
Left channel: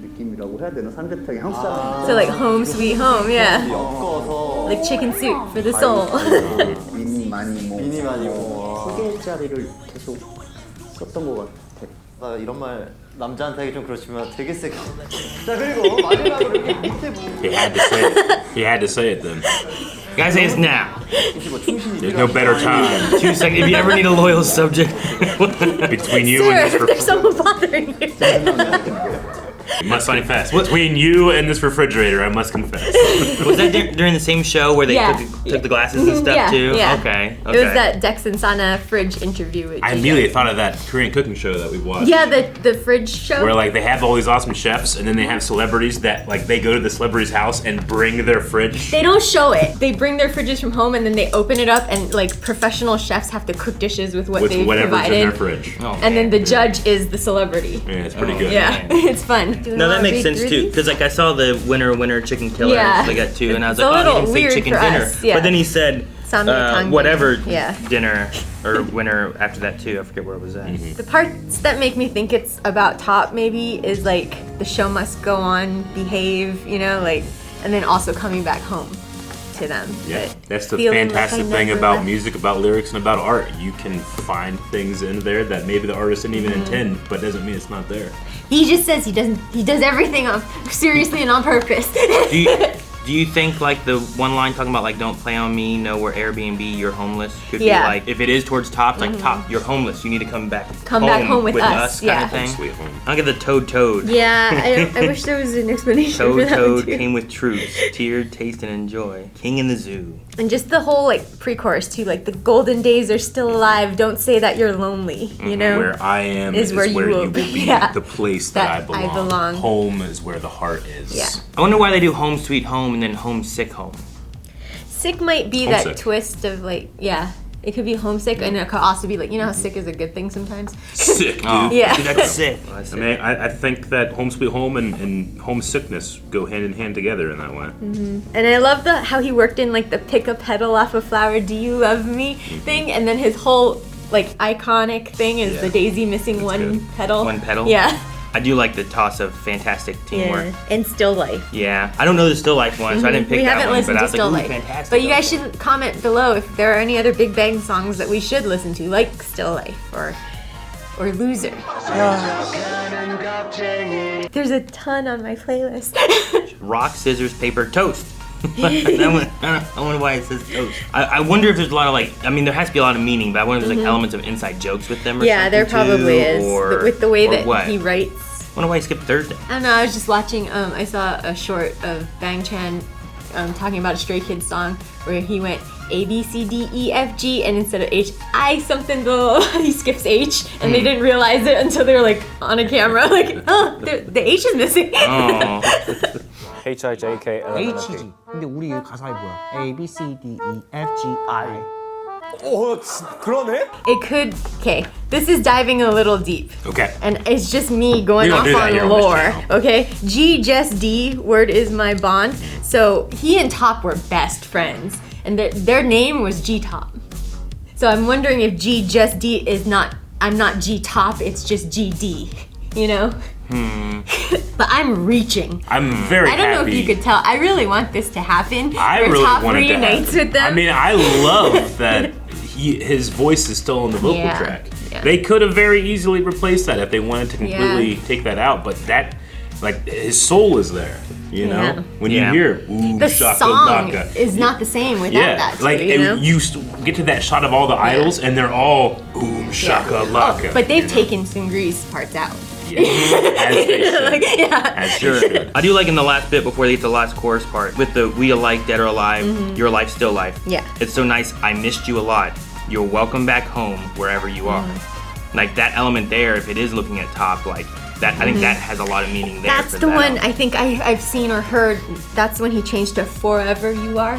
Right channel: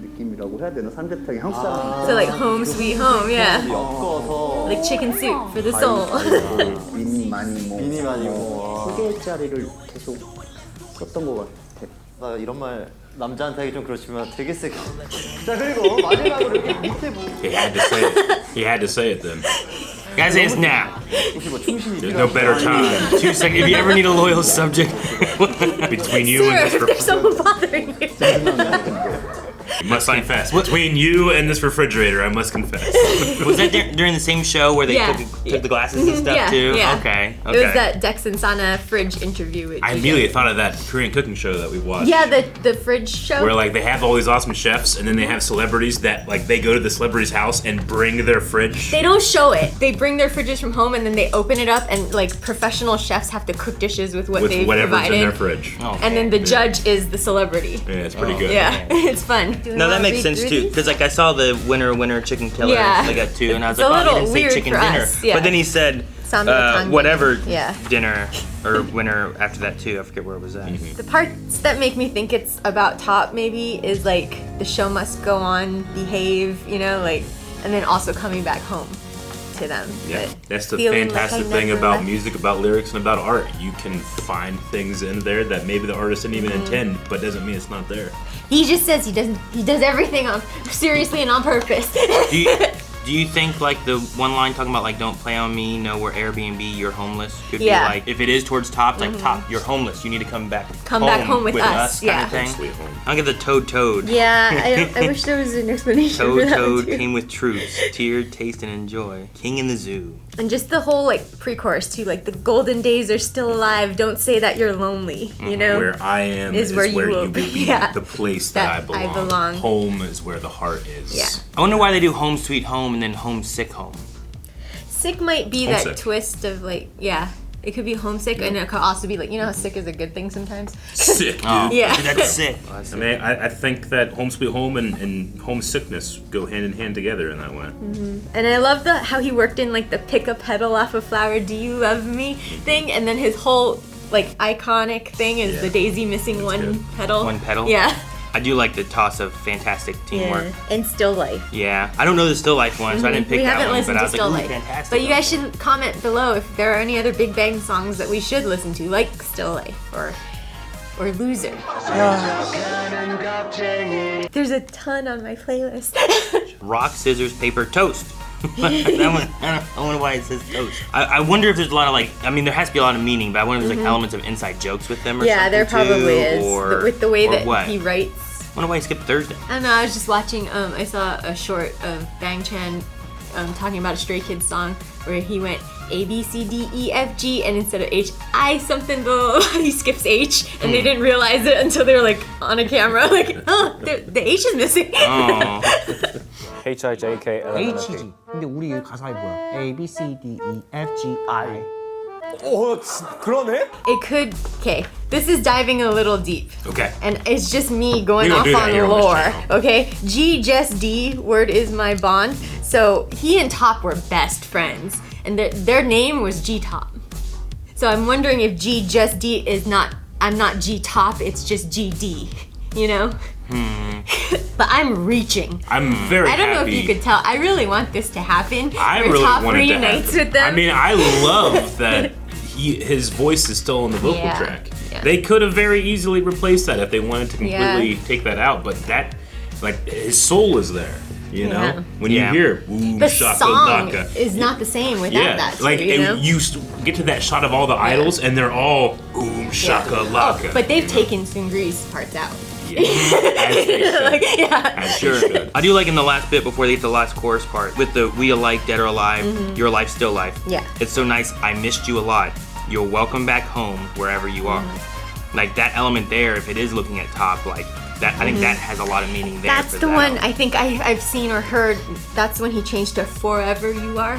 느낌이라고 해야 되나? 삼계탕이 한국 사람. So like home sweet home, yeah. 엮어서 Like chicken soup for the soul. 미니 많이 뭐. 세 개짜리를 계속 썼던 것 같아. 나 이런 말 남자한테 하기 좀 그렇지만 되게 세게. 자 그리고 마지막으로 이렇게 밑에 He had to say it. He had to say it then. Guys, it's now. 혹시 뭐 충신이 There's no better time than 2 seconds. If you ever need a loyal subject. between you and Sir, this there's someone bothering you. I must confess. Between you and this refrigerator, I must confess. Was that during the same show where they took the glasses and stuff too? Yeah. Okay. It was that Dex and Sana fridge interview. I immediately thought of that Korean cooking show that we watched. Yeah, the fridge show. Where like they have all these awesome chefs, and then they have celebrities that like they go to the celebrity's house and bring their fridge. They don't show it. They bring their fridges from home, and then they open it up, and like professional chefs have to cook dishes with what they've whatever's provided. in their fridge. And then the judge is the celebrity. Yeah, it's pretty good. Yeah, it's fun. No, that makes sense too, because like I saw the winner chicken killer. Yeah. They got two, and I was It's a like, little he didn't say weird chicken for dinner. us, yeah. But then he said Samgyetang. whatever Yeah. dinner or winner after that too. I forget where it was at. The parts that make me think it's about top maybe is like the show must go on, behave, you know, like, and then also coming back home to them. Yeah, But that's the feeling fantastic like I thing never about left. music, about lyrics, and about art. You can find things in there that maybe the artist didn't even intend, but doesn't mean it's not there. He just says he does everything seriously and on purpose. Do you think like the one line talking about like don't play on me, no we're Airbnb, you're homeless? Could be, Yeah. like if it is towards top, like top, you're homeless. You need to come back. Back home with us, kind yeah. of thing. Sweet home. I'll get the toad. Yeah, I wish there was an explanation for that one Toad too. came with truths, tiered, taste, and enjoy. King in the zoo. And just the whole like pre-chorus too, like the golden days are still alive. Don't say that you're lonely. You know, Where I am is where you will will be. be. Yeah. The place that I belong. Home is where the heart is. Yeah. I wonder why they do home sweet home and then homesick home. Sick might be Homesick. that twist of like, yeah, it could be homesick, and it could also be like, you know how sick is a good thing sometimes. Sick, dude. Oh, Yeah. That's sick. I mean, I think that home sweet home and homesickness go hand in hand together in that way. And I love how he worked in like the pick a petal off a flower, do you love me thing, and then his whole like iconic thing is the daisy missing one petal. One petal? Yeah. I do like the toss of fantastic teamwork. Yeah. And Still Life. Yeah. I don't know the Still Life one, so I didn't pick We that haven't one. listened But I to was like, Still ooh, Life. fantastic. But you guys should comment below if there are any other Big Bang songs that we should listen to, like Still Life or Loser. There's a ton on my playlist. Rock, scissors, paper, toast. I wonder why it says toast. I wonder if there's a lot of like, I mean, there has to be a lot of meaning, but I wonder if there's like elements of inside jokes with them or Yeah, there something probably too, is. or- With the way or that what? he writes. I wonder why he skipped Thursday. I don't know, I was just watching, I saw a short of Bang Chan talking about a Stray Kids song where he went A, B, C, D, E, F, G, and instead of H, I something, blah, he skips H, and they didn't realize it until they were like on a camera, like, oh, the H is missing. Oh. H-I-J-K-L-M-N-O-P. H지. 근데 우리 가사에 뭐야? A, B, C, D, E, F, G, I. 그러네? It could, okay, this is diving a little deep. Okay. And it's just me going We don't off do that here on on this lore, channel. okay? G, just D, word is my bond. So he and Top were best friends, and their name was G Top. So I'm wondering if G, just D is not, I'm not G Top, it's just GD, you know? But I'm reaching. I'm very I don't know if happy. you could tell. I really want this to happen. I where really Top wanted to reunites happen. with them. I mean, I love that his voice is still on the vocal Yeah. track. Yeah. They could have very easily replaced that if they wanted to completely Yeah. take that out, but that, like, his soul is there. You know, Yeah. when you hear "Ooh, the shaka song laka," is not the same without yeah, that. Too, like you know? you get to that shot of all the idols, and they're all boom shaka laka. But they've taken Sungri's parts out. Yeah. As they should. Like, yeah. As Sure. they should. I do like in the last bit before they get to the last chorus part with the we alike, dead or alive, your life, still life. Yeah. It's so nice. I missed you a lot. You're welcome back home wherever you are. Like that element there, if it is looking at top, like that, I think that has a lot of meaning there. That's for the that one I think I've seen or heard. That's when he changed to forever you are.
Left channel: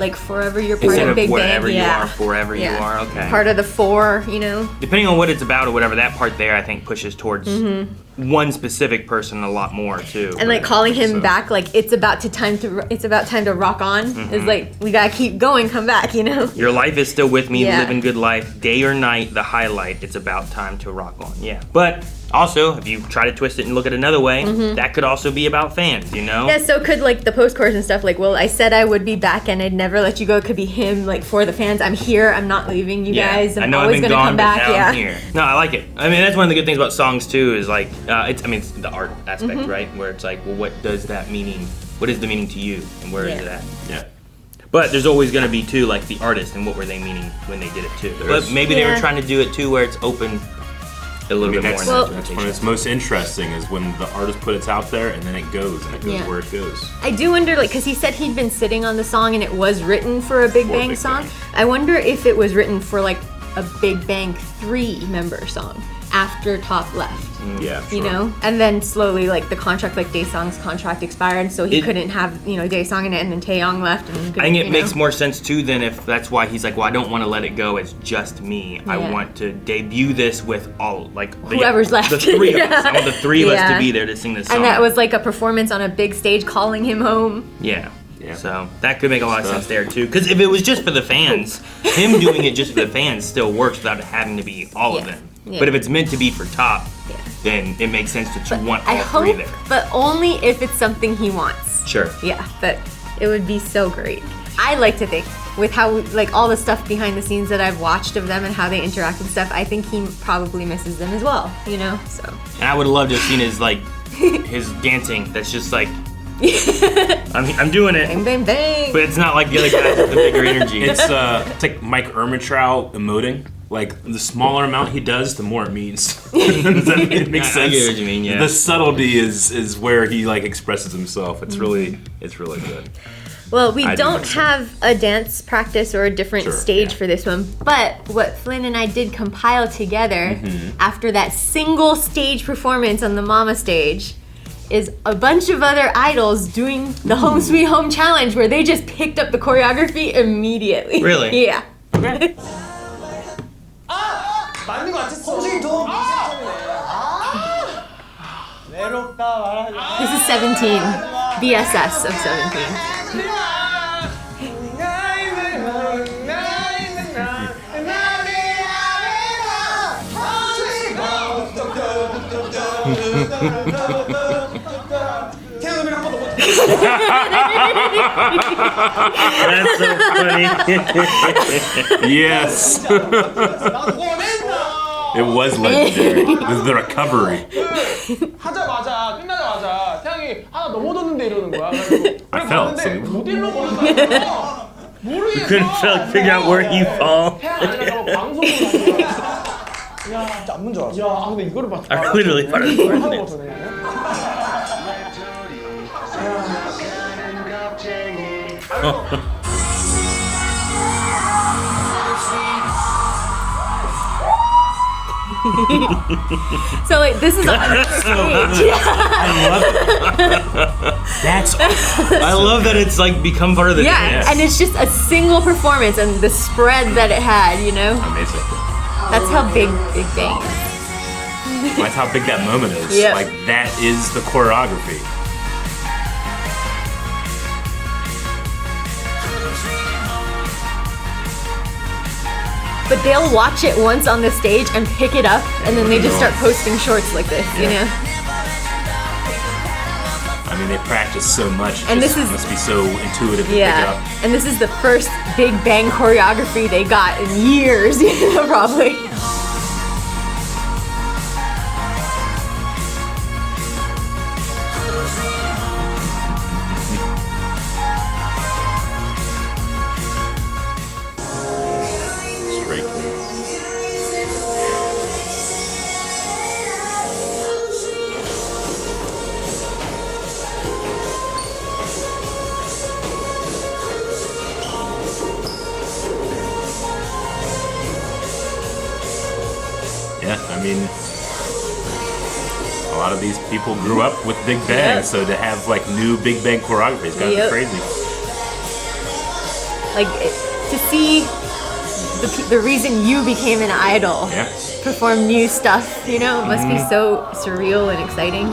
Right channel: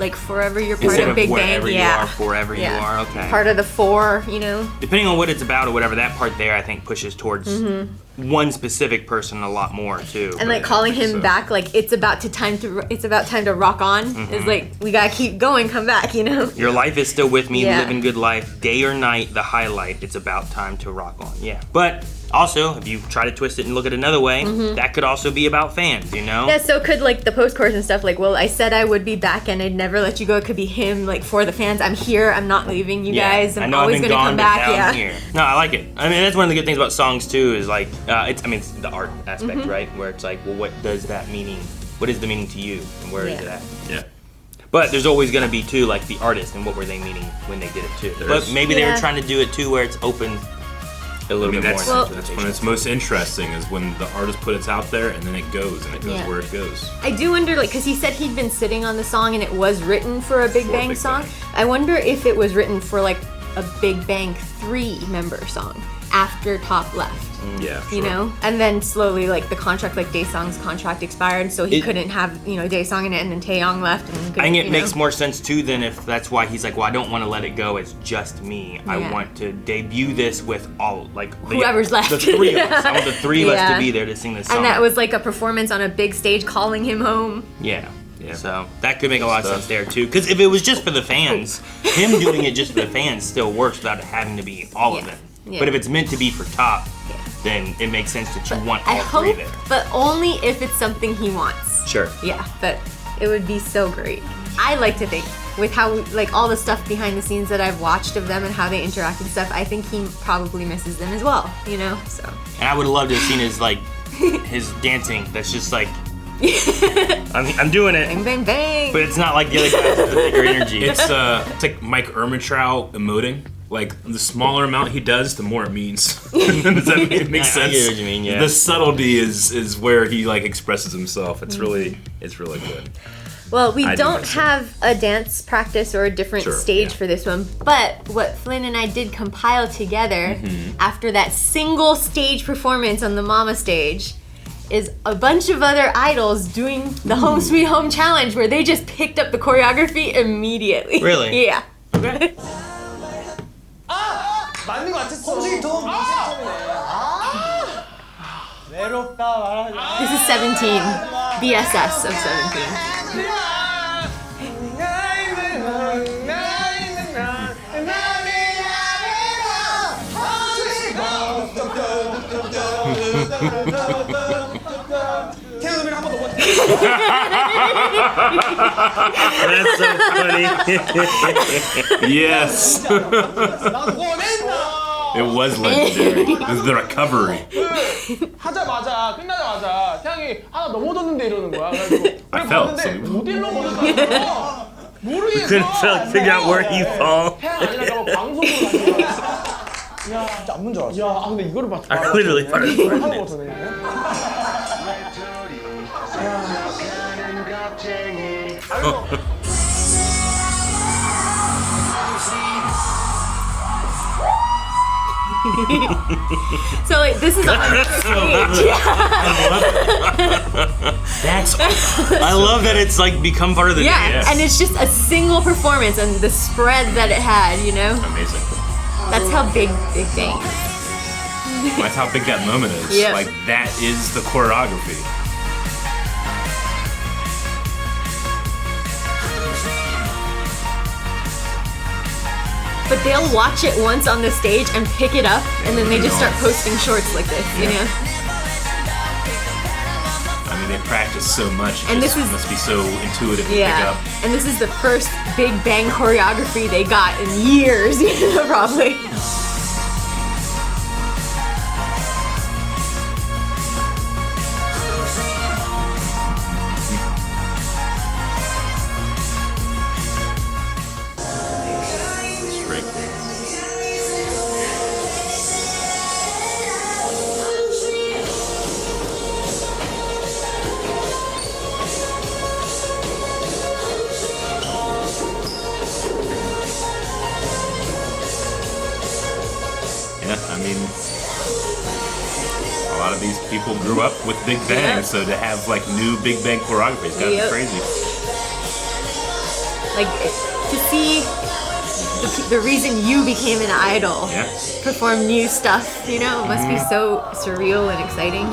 Like forever you're part Instead of of Big wherever Bang. you Yeah. are, forever you are. Okay. Part of the four, you know? Depending on what it's about or whatever, that part there I think pushes towards one specific person a lot more too. And like calling him back, like it's about time to rock on. Is like we gotta keep going, come back, you know. Your life is still with me, Yeah. living good life, day or night, the highlight. It's about time to rock on. Yeah. But also, if you try to twist it and look at it another way, that could also be about fans, you know? Yeah, so could like the post chorus and stuff. Like, well, I said I would be back and I'd never let you go. It could be him, like for the fans. I'm here. I'm not leaving you guys. I I'm know always I've been gonna gone, come but back. now Yeah. I'm here. No, I like it. I mean, that's one of the good things about songs too. Is like, it's the art aspect, right? Where it's like, well, what does that meaning? What is the meaning to you? And where is Yeah. that? Yeah. But there's always gonna be too, like the artist and what were they meaning when they did it too. There But is. maybe they were Yeah. trying to do it too, where it's open. a little bit that's, more. that's when it's most interesting, is when the artist puts it out there and then it goes where it goes. I do wonder, like, because he said he'd been sitting on the song and it was written for a Big Bang song. I wonder if it was written for like a Big Bang 3 member song after Top left. Yeah, you know, and then slowly, like, the contract, like Daesung's contract expired, so he couldn't have, Daesung in it, and then Taeyong left, and I think it makes more sense too than if that's why he's like, well, I don't want to let it go as just me. I want to debut this with all, like, whoever's left. The three of us. I want the three of us to be there to sing this song. And that was like a performance on a big stage, calling him home. Yeah. So that could make a lot of sense there too. Because if it was just for the fans, him doing it just for the fans still works without it having to be all of it. Yeah. But if it's meant to be for Top, then it makes sense that you want all three there. But only if it's something he wants. Sure. Yeah, but it would be so great. I like to think, with how, like, all the stuff behind the scenes that I've watched of them and how they interact and stuff, I think he probably misses them as well, so. And I would love to have seen his dancing. That's just like, I'm doing it. Bang, bang, bang. But it's not like the other guys with the bigger energy. It's like Mike Ehrmantraut emoting. Like, the smaller amount he does, the more it means. Does that make sense? I get what you mean, yeah. The subtlety is where he, like, expresses himself. It's really good. Well, we don't have a dance practice or a different stage for this one, but what Flynn and I did compile together after that single stage performance on the Mama stage is a bunch of other idols doing the Home Sweet Home Challenge, where they just picked up the choreography immediately. Really? Yeah. 맞는 것 같았어. 홍식이 더 외롭다 말하지. This is 17, BSS of 17. 태연음이랑 한번 더 보자. That's so funny. Yes. 나도 원했나. It was legendary. It was the recovery. 하자마자 끝나자마자 태양이 하나 넘어졌는데 이러는 거야. 그래가지고 그래 봤는데 못 일러버렸다는 거야. 모르겠어. Couldn't figure out where he fall. 태양 아니라가 뭐 방송으로 다시. 야, 진짜 안문 줄 알았어. 야, 근데 이거를 봤어. I literally thought it 이거를 was 하는 거잖아. 아이고. So, like, this is on the stage. I love it. That's awesome. I love that it's like become part of the dance. And it's just a single performance and the spread that it had, Amazing. That's how Big Bang. That's how big that moment is. Yep. Like, that is the choreography. But they'll watch it once on the stage and pick it up, and then they just start posting shorts like this, I mean, they practice so much. And this must be so intuitive to pick it up. And this is the first Big Bang choreography they got in years, probably. People grew up with Big Bang, so to have like new Big Bang choreography, it's gotta be crazy. Like, to see the reason you became an idol perform new stuff, it must be so surreal and exciting.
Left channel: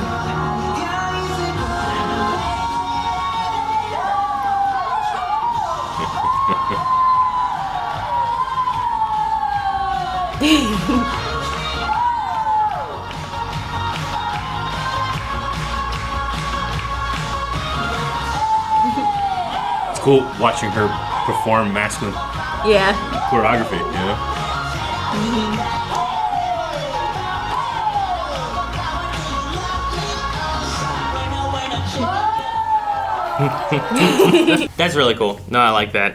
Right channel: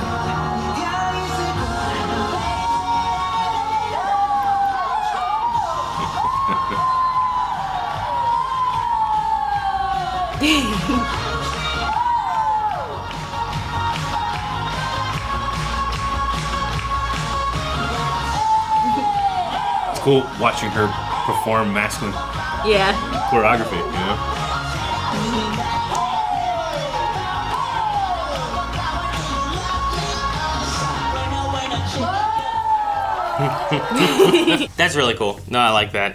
It's cool watching her perform masculine choreography, That's really cool. No, I like that.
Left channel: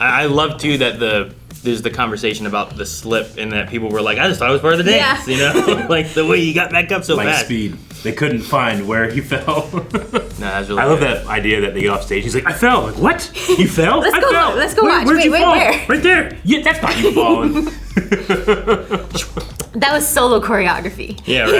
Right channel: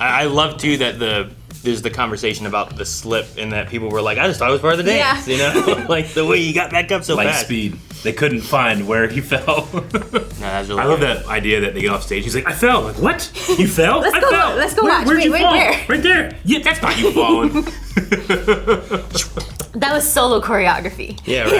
I love too that there's the conversation about the slip, and that people were like, I just thought it was part of the dance, you know, like the way he got back up so like fast. speed. They couldn't find where he fell. No, that's really I love good. that idea that they get off stage. He's like, I fell. I'm like, what? You fell? Let's I go. fell. Let's go watch. Where'd Wait, you wait, fall? where? Right there. Yeah, that's not you falling. That was solo choreography. Yeah, right.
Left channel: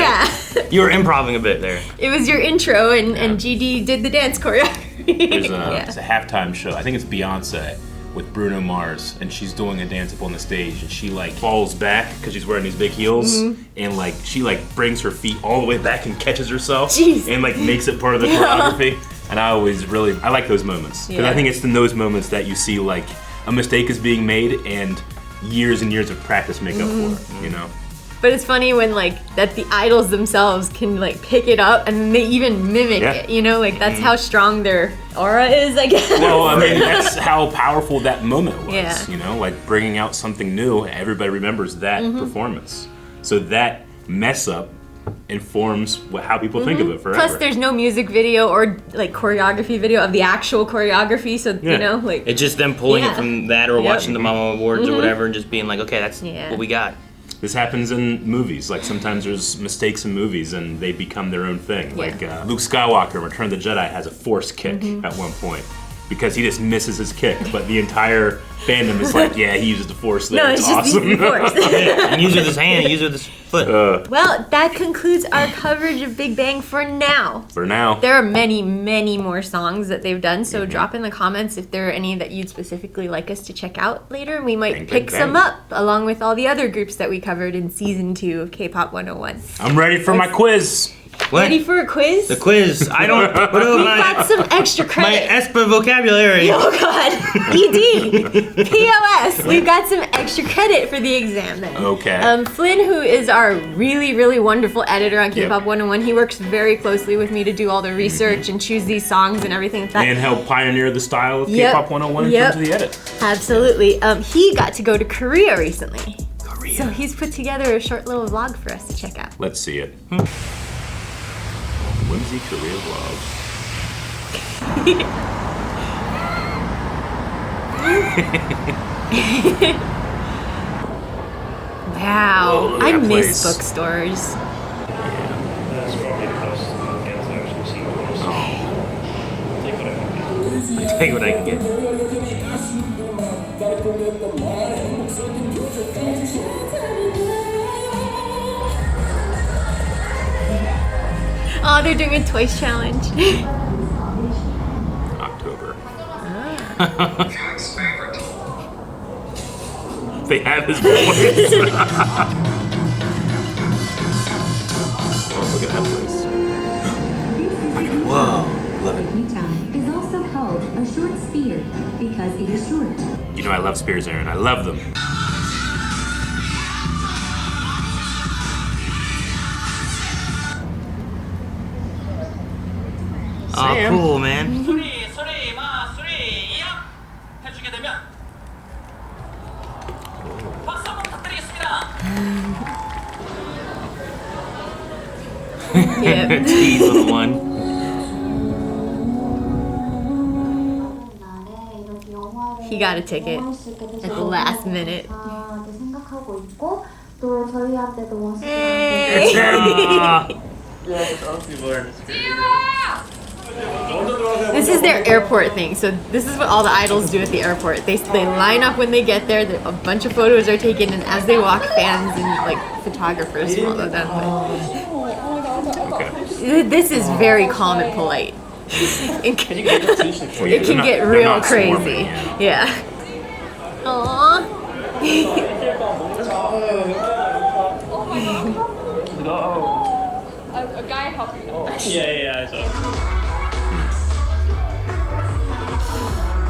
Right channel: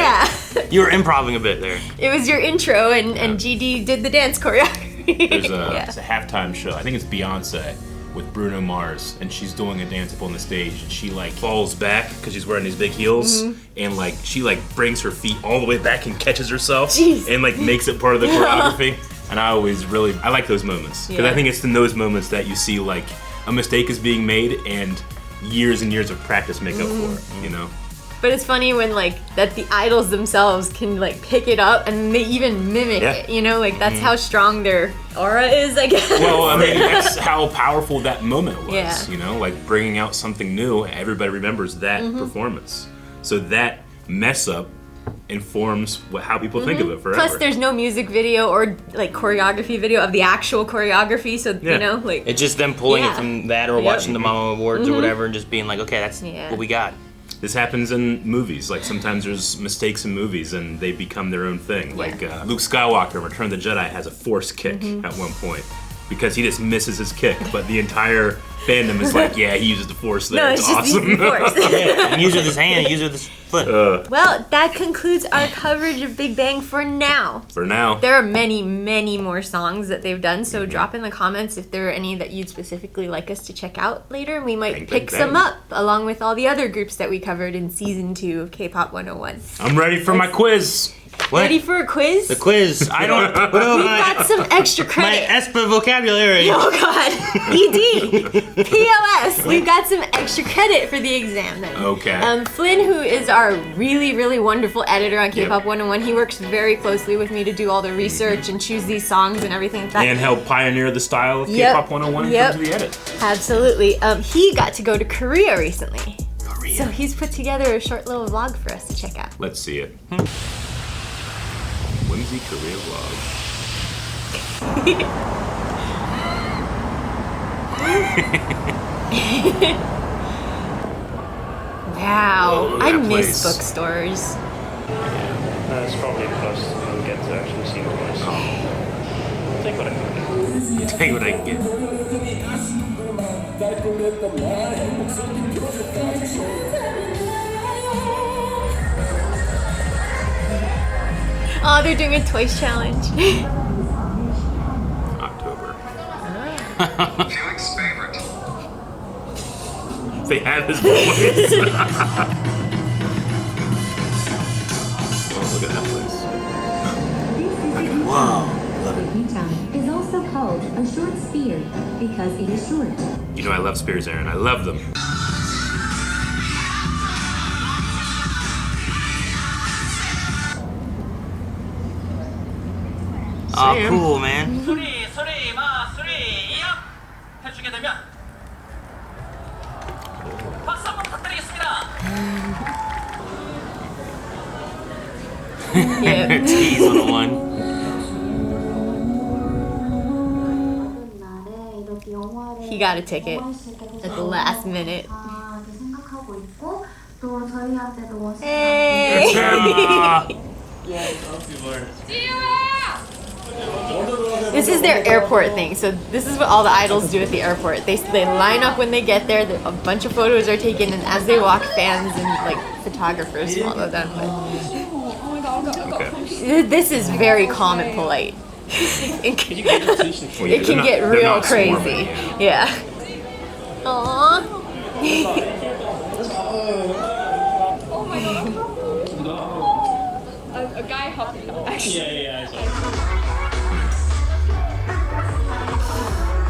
Yeah. You were improvising a bit there. It was your intro, and GD did the dance choreography. There's a, Yeah. it's a halftime show. I think it's Beyonce with Bruno Mars, and she's doing a dance up on the stage, and she like falls back because she's wearing these big heels, and like she like brings her feet all the way back and catches herself, Jeez. and like makes it part of the choreography. And I like those moments because Yeah. I think it's in those moments that you see like a mistake is being made and years and years of practice make up for it. You know. But it's funny when like that the idols themselves can like pick it up and they even mimic Yeah. it. You know, like that's how strong their aura is, I guess. Well, I mean, that's how powerful that moment was. Yeah. You know, like bringing out something new. Everybody remembers that performance. So that mess up informs how people think of it forever. Plus, there's no music video or like choreography video of the actual choreography, so Yeah. you know, like It's just them pulling Yeah. it from that or Yep. watching the Mama Awards or whatever and just being like, okay, that's Yeah. what we got. This happens in movies. Like sometimes there's mistakes in movies and they become their own thing. Yeah. Like Luke Skywalker in Return of the Jedi has a force kick at one point because he just misses his kick, but the entire fandom is like, yeah, he uses the force there. no, it's it's just awesome. the force. Yeah, and use it with his hand, use it with his foot. Well, that concludes our coverage of Big Bang for now. For now. There are many, many more songs that they've done, so drop in the comments if there are any that you'd specifically like us to check out later. We might Bang, pick bang, some bang. up along with all the other groups that we covered in season 2 of K-Pop 101. I'm ready for my quiz. What? Ready for a quiz? The quiz. I don't know We got some extra my credit. ESPA vocabulary. Oh god. ED. PLS. We've got some extra credit for the exam then. Okay. Flynn, who is our really, really wonderful editor on K-Pop 101, he works very closely with me to do all the research and choose these songs and everything like that. And help pioneer the style of Yep. K-Pop 101 in Yep. terms of the edit. Absolutely. He got to go to Korea recently. So he's put together a short little vlog for us to check out. Let's see it. Whimsy Korea Wow. Oh, I that miss place. bookstores. That's probably because you get to actually see the voice. Take what I can get. Oh, they're doing a Twice challenge. October. Oh, Felix' favorite. They have his voice. Oh, look at that place. Is also called a short spear because it is short. You know I love spears, Aaron. I love them. Oh, Sam. cool, man. 해주게 되면 박수 한번 부탁드리겠습니다. Yeah. Tease on the one. He got a ticket at the last minute. 생각하고 있고 또 저희한테도 Hey. This is their airport thing. So this is what all the idols do at the airport. They line up when they get there. A bunch of photos are taken, and as they walk, fans and like photographers follow them. Okay. This is very calm and polite. It can get real crazy. Yeah. Aww. A guy hopped up. Yeah,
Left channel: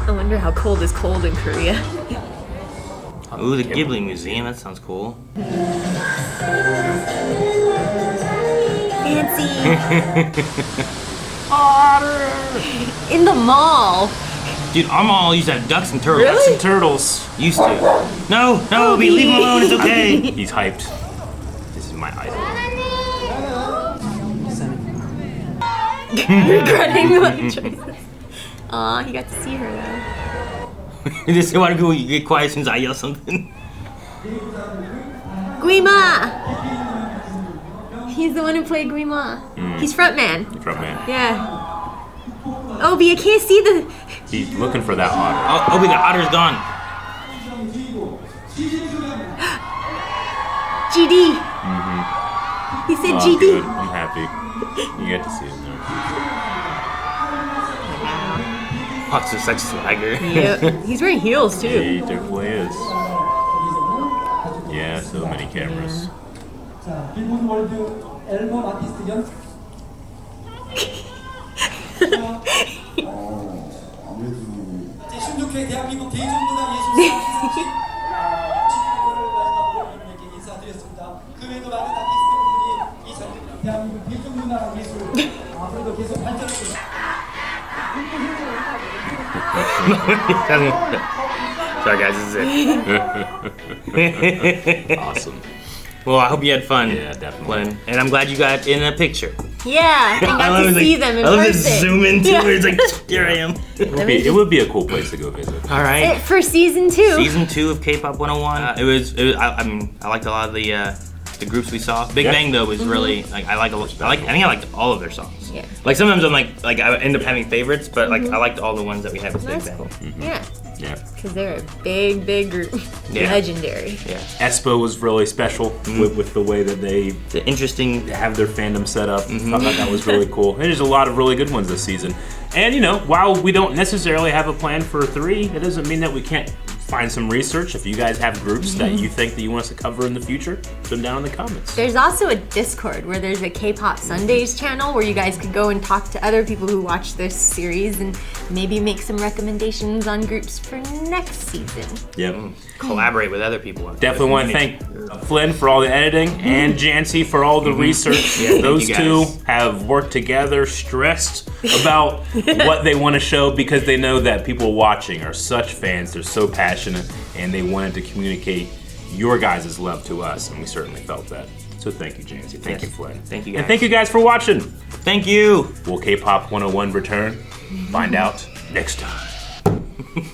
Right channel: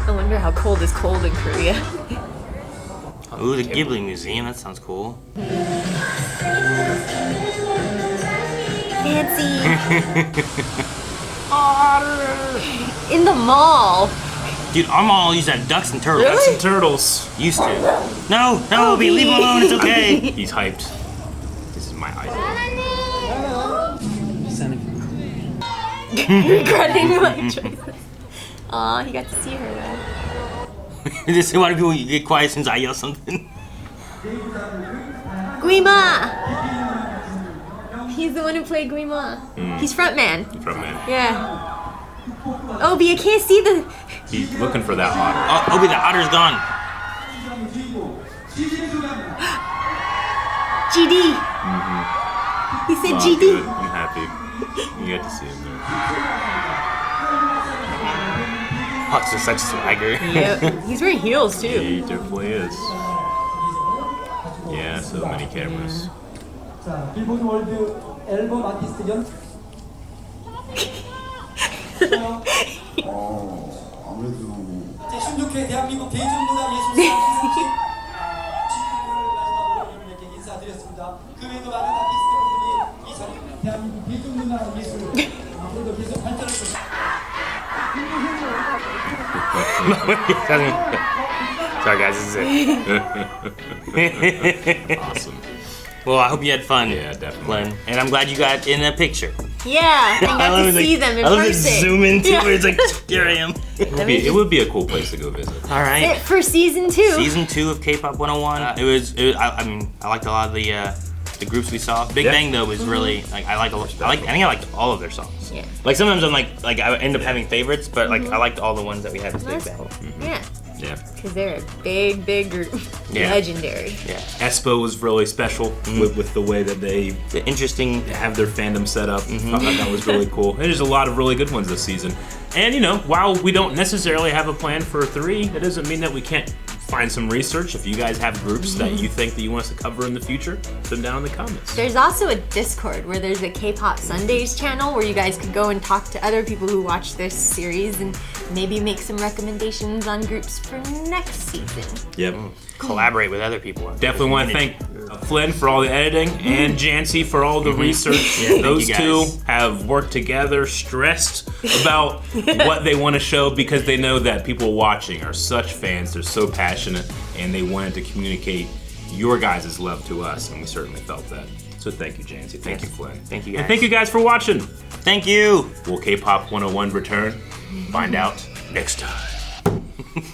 I wonder how cold is cold in Korea. Ooh, the Ghibli Museum. That sounds cool. Fancy. In the mall. Dude, our mall used to have ducks and turtles. Ducks and turtles. Used to. No, we leave him alone. It's okay. He's hyped. This is my idol. Regretting the choices. Aw, he got to see her. Just why do people get quiet as soon as I yell something? Guima! He's the one who played Guima. He's frontman. Frontman. Yeah. Obi, I can't see the... He's looking for that otter. Oh, Obi, the otter's gone. GD. He said Oh, GD. good. I'm happy. You get to see him there. Fox is such a swagger. Yep. He's wearing heels too. He definitely is. Yeah, so many cameras. 자, 빌보드 월드 앨범 아티스트 연 아무래도 신족회 대한민국 대중문화 예술상 시상식 축하를 마지막으로 여러분에게 인사드렸습니다. 그 외에도 많은 아티스트분들이 이 대한민국 대중문화 예술 앞으로도 계속 발전해서 Sorry guys, this is it. Awesome. Well, I hope you had fun. Yeah, definitely. Flynn. And I'm glad you got in a picture. Yeah, I got to see them in I love person. to zoom into it. It's like, there I am. It would be a cool place to go visit. All right. That's it for season 2. Season 2 of K-pop 101. I mean, I liked a lot of the groups we saw. Big Bang though was really like I think I liked all of their songs. Yeah. Like sometimes I'm like I end up having favorites, but like I liked all the ones that we have as Big That's Bang. cool. Yeah. Yeah. Because they're a big group. Yeah. Legendary. Yeah. Espo was really special with the way that they have their fandom set up. Thought that was really cool. And there's a lot of really good ones this season. And you know, while we don't necessarily have a plan for 3, that doesn't mean that we can't find some research. If you guys have groups that you think that you want us to cover in the future, put them down in the comments. There's also a Discord where there's a K-pop Sundays channel where you guys could go and talk to other people who watch this series and maybe make some recommendations on groups for next season. Yep. Collaborate with other people. Definitely want to thank Flynn for all the editing and Jancy for all the research. Yeah, Those thank two you guys. have worked together, stressed about what they want to show because they know that people watching are such fans. They're so passionate and they wanted to communicate your guys' love to us, and we certainly felt that. So thank you, Jancy. Thank you, Flynn. Thank you, And thank you guys for watching. Thank you. Will K-Pop 101 return? Find out next time.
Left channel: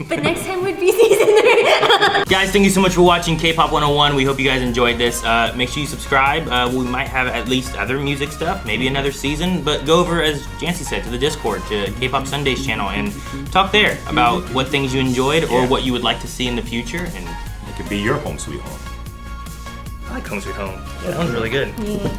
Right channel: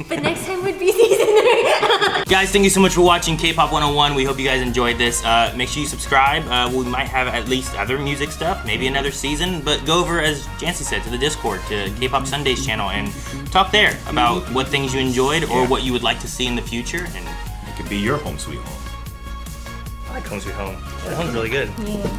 But next time would be season 3. Guys, thank you so much for watching K-Pop 101. We hope you guys enjoyed this. Make sure you subscribe. We might have at least other music stuff, maybe another season, but go over, as Jancy said, to the Discord, to K-Pop Sundays channel, and talk there about what things you enjoyed or what you would like to see in the future. And it could be your home sweet home. I like Home Sweet Home. That sounds really good. Yeah.